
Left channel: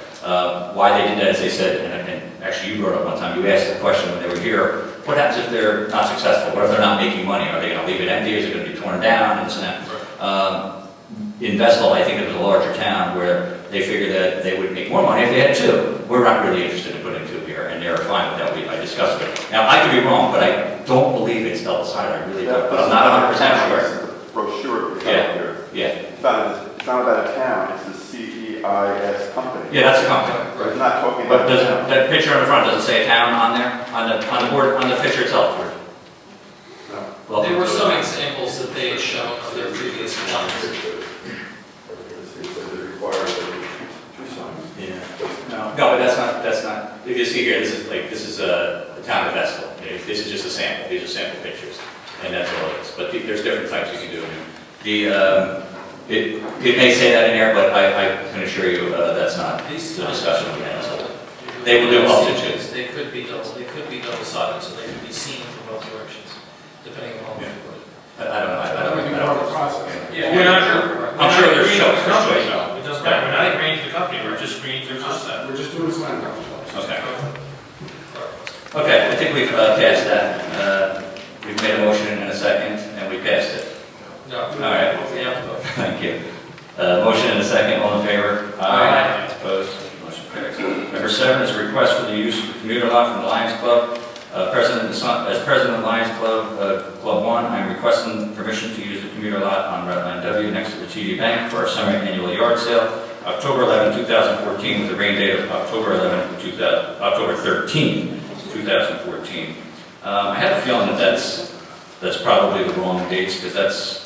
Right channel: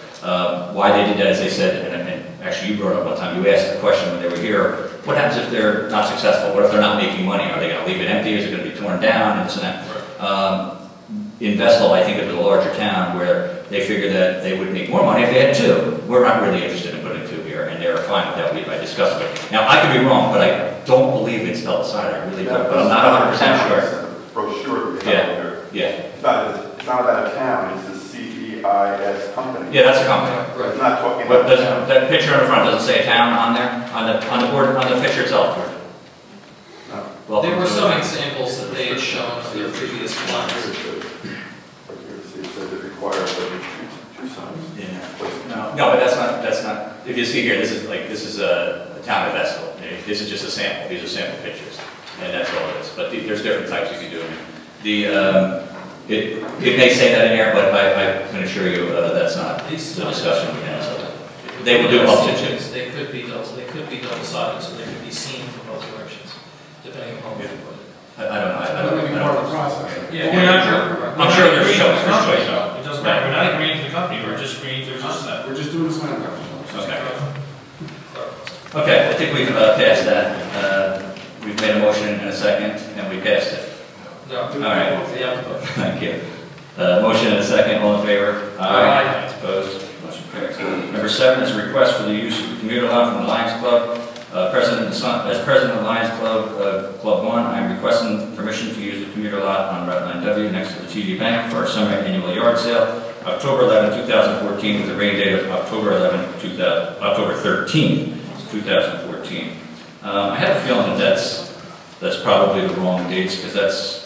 Why they did that is they said, and actually you brought it up one time, you asked the question when they were here, what happens if they're not successful? What if they're not making money? Are they going to leave it empty? Is it going to be torn down? And this and that. In Vestal, I think it was a larger town where they figured that they would make more money if they had two. We're not really interested in putting two here, and they were fine with that. I discussed it. Now, I could be wrong, but I don't believe it's double-sided. I really don't. But I'm not 100% sure. Brochure. Yeah. It's not about a town. It's the CEIS company. Yeah, that's a company. Right. It's not talking But about a town. that picture on the front doesn't say town on there on the board on the picture itself. No. Well, There were some examples that they had shown on their previous slides. It says it requires two signs. Yeah. No, but that's not. If you see here, this is a town of Vestal. This is just a sample. These are sample pictures, and that's all it is. But there's different types you can do. It may say that in there, but I can assure you that's not the discussion we had. So they will do all situations. They could be double-sided, so they can be seen from both directions, depending upon what you put. I don't know. Yeah, we're not. I'm sure there's agreeing some with the company. situation. It doesn't matter. We're not agreeing to the company. We're just agreeing to the concept. We're just doing a sign project. Okay, I think we've passed that. We've made a motion in a second, and we passed it. No. All right. Yeah. Thank you. Motion in a second. All in favor? Aye. Opposed? Motion carries. Number 7 is a request for the use of the commuter lot from the Lions Club. As president of the Lions Club, Club 1, I am requesting permission to use the commuter lot on Rockland W next to the TD Bank for our semi-annual yard sale, October 11, 2014, with the rain date of October 13, 2014. I have a feeling that that's probably the wrong dates because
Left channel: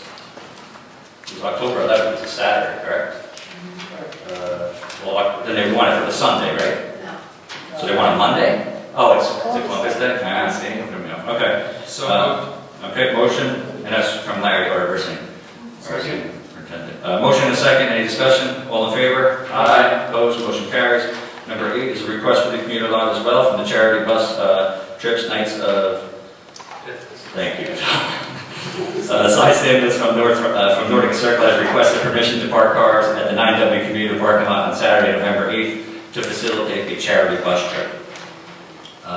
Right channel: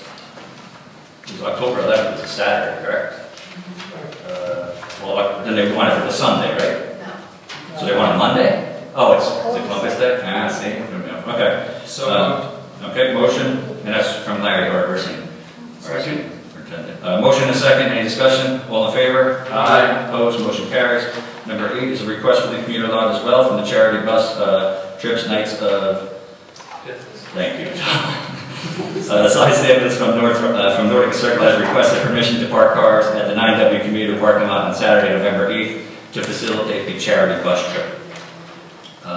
it was October 11th, it's a Saturday, correct? Then they want it for the Sunday, right? No. So they want it Monday? Oh, it's Columbus Day? I see. Okay. So, okay, motion, and that's from Larry Overseeing. Motion and a second. Any discussion? All in favor? Aye. Opposed? Motion carries. Number 8 is a request for the commuter lot as well from the charity bus trips nights of. Thank you. Side Sandwich from Nordic Circle has requested permission to park cars at the 9W commuter parking lot on Saturday, November 8th to facilitate a charity bus trip.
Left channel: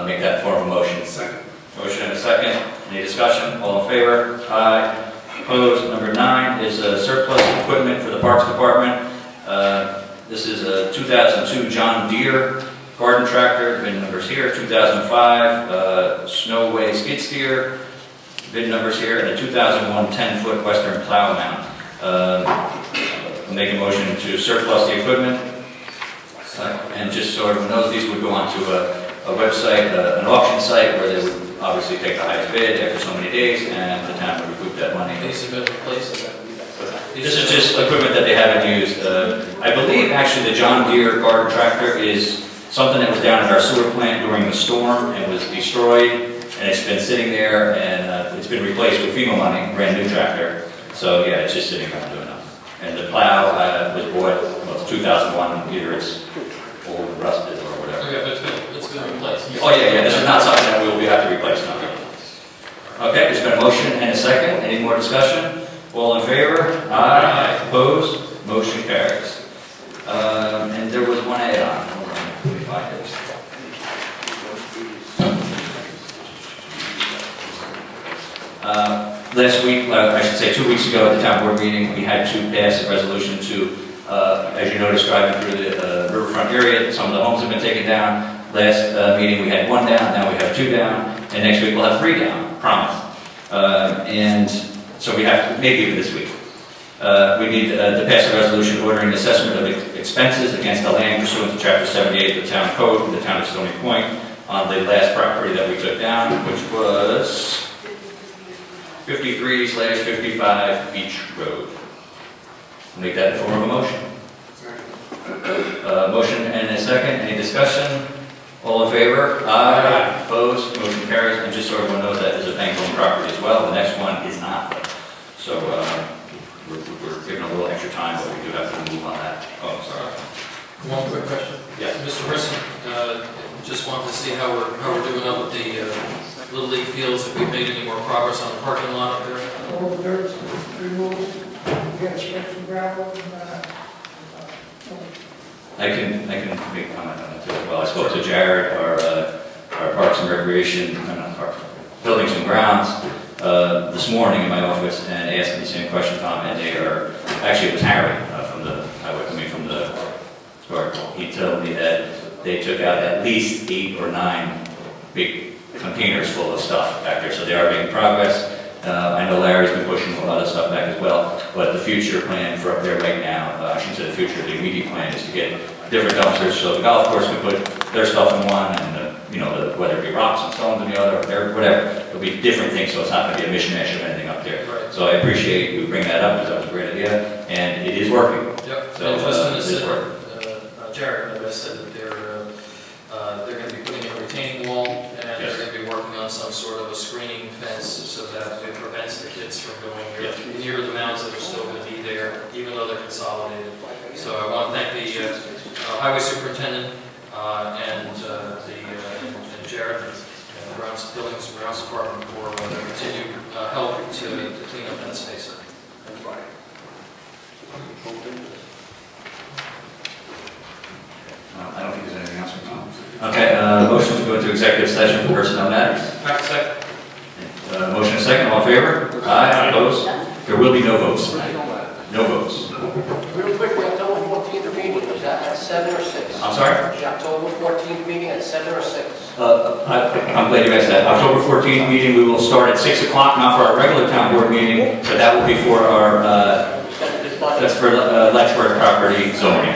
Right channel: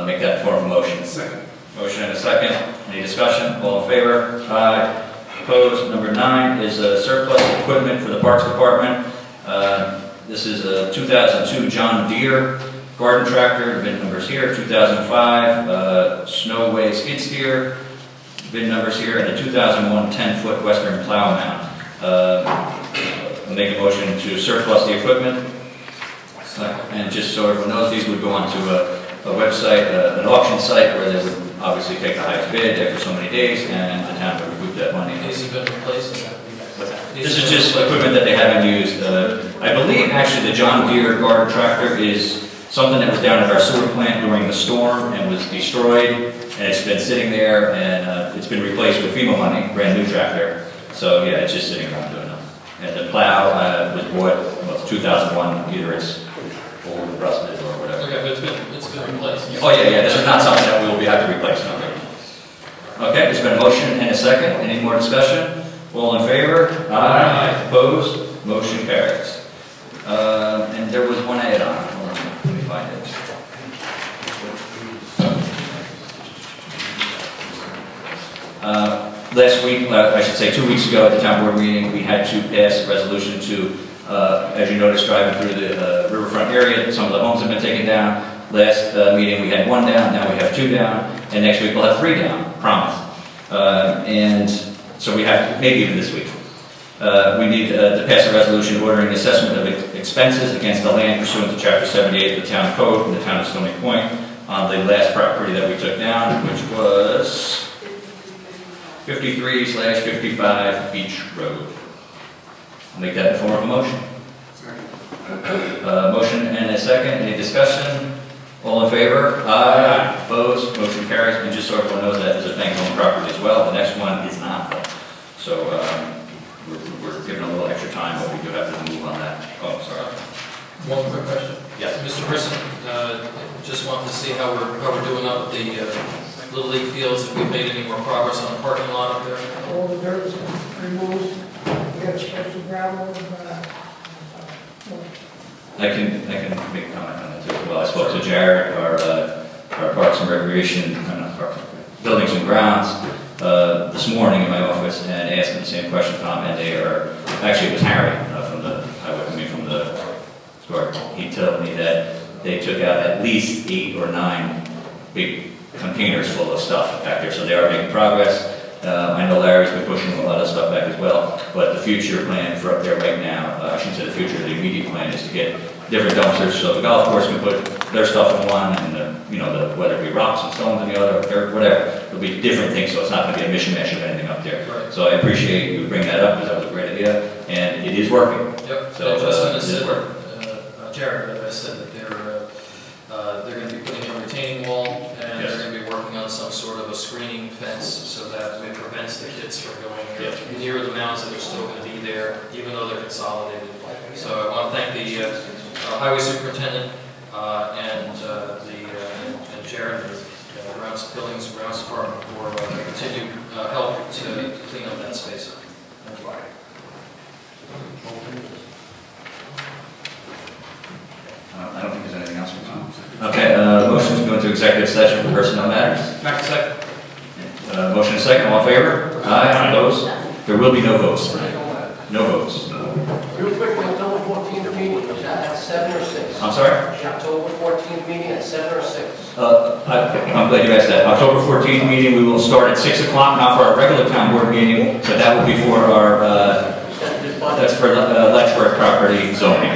Make that form of motion. Second. Motion and a second. Any discussion? All in favor? Aye. Opposed? Number 9 is surplus equipment for the Parks Department. This is a 2002 John Deere garden tractor. VIN numbers here. 2005 Snowway skid steer. VIN numbers here. And a 2001 10-foot Western plow mount. Make a motion to surplus the equipment. And just so everyone knows, these would go onto a website, an auction site, where they would obviously take the highest bid after so many days, and the town would recoup that money. these have been replaced. This is just equipment that they haven't used. I believe actually the John Deere garden tractor is something that was down at our sewer plant during the storm and was destroyed, and it's been sitting there, and it's been replaced with FEMA money, brand new tractor. So yeah, it's just sitting around doing that. And the plow was bought, 2001, either it's old, rusted, or whatever. Okay, but it's been replaced. Oh yeah, this is not something that we will have to replace now. Okay, there's been a motion and a second. Any more discussion? All in favor? Aye. Opposed? Motion carries. And there was one add-on. Hold on, let me find it. last week, I should say 2 weeks ago at the town board meeting, we had to pass a resolution to, as you noticed, driving through the riverfront area, some of the homes have been taken down. Last meeting we had 1 down, now we have 2 down, and next week we'll have 3 down, promise. And so we have to, maybe even this week. We need to pass a resolution ordering assessment of expenses against the land pursuant to Chapter 78 of the Town Code for the town of Stony Point on the last property that we took down, which was 53/55 Beach Road. I'll make that in the form of a motion. Motion and a second. Any discussion? All in favor? Aye. Opposed? Motion carries. And just so everyone knows, that is a bank-owned property as well. The next one is not. So we're giving a little extra time, but we do have to move on that. Oh, sorry. One quick question. Yes. Mr. Chris, just wanted to see how we're doing up with the Little League fields. If we've made any more progress on the parking lot? All the dirt's removed. We got to spread some gravel I can make a comment on that too as well. I spoke to Jared, our Parks and Recreation, Buildings and Grounds, this morning in my office and asked him the same question, Tom, and they are, actually it was Harry from the guard. He told me that they took out at least 8 or 9 big containers full of stuff back there, so they are making progress. I know Larry's been pushing a lot of stuff back as well, but the future plan for up there right now, I shouldn't say the future, the immediate plan is to get different dumpsters so the golf course can put their stuff in one and whether it be rocks and stones in the other, or whatever. It'll be different things, so it's not going to be a mission ash of anything up there. Right. So I appreciate you bringing that up because that was a great idea, and it is working. Yep. So it is working. Jared said that they're going to be putting in a retaining wall, and they're going to be working on some sort of a screening fence so that it prevents the kids from going there near the mounds that are still going to be there, even though they're consolidated. So I want to thank the highway superintendent and Jared and the Buildings and Grounds Department for continued help to clean up that space. I don't think there's anything else from Tom. Okay, motion to go into executive session for personnel matters. Second. Motion and second, all in favor? Aye. Opposed? There will be no votes tonight. No votes. Real quick, the October 14th meeting, was that at 7 or 6? I'm sorry? The October 14th meeting at 7 or 6? I'm glad you asked that. October 14th meeting, we will start at 6 o'clock, not for our regular town board meeting, but that will be for our, that's for Letchworth property zoning.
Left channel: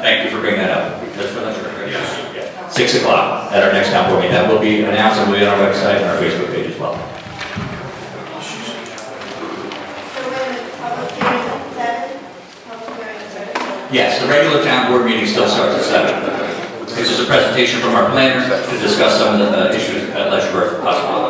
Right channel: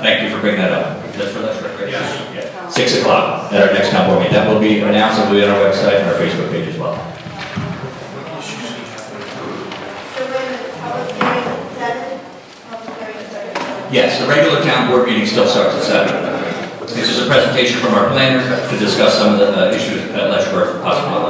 Thank you for bringing that up. That's for Letchworth, right? Yeah. 6 o'clock at our next town board meeting. That will be announced and will be on our website and our Facebook page as well. Yes, the regular town board meeting still starts at 7. This is a presentation from our planner to discuss some of the issues at Letchworth possibly.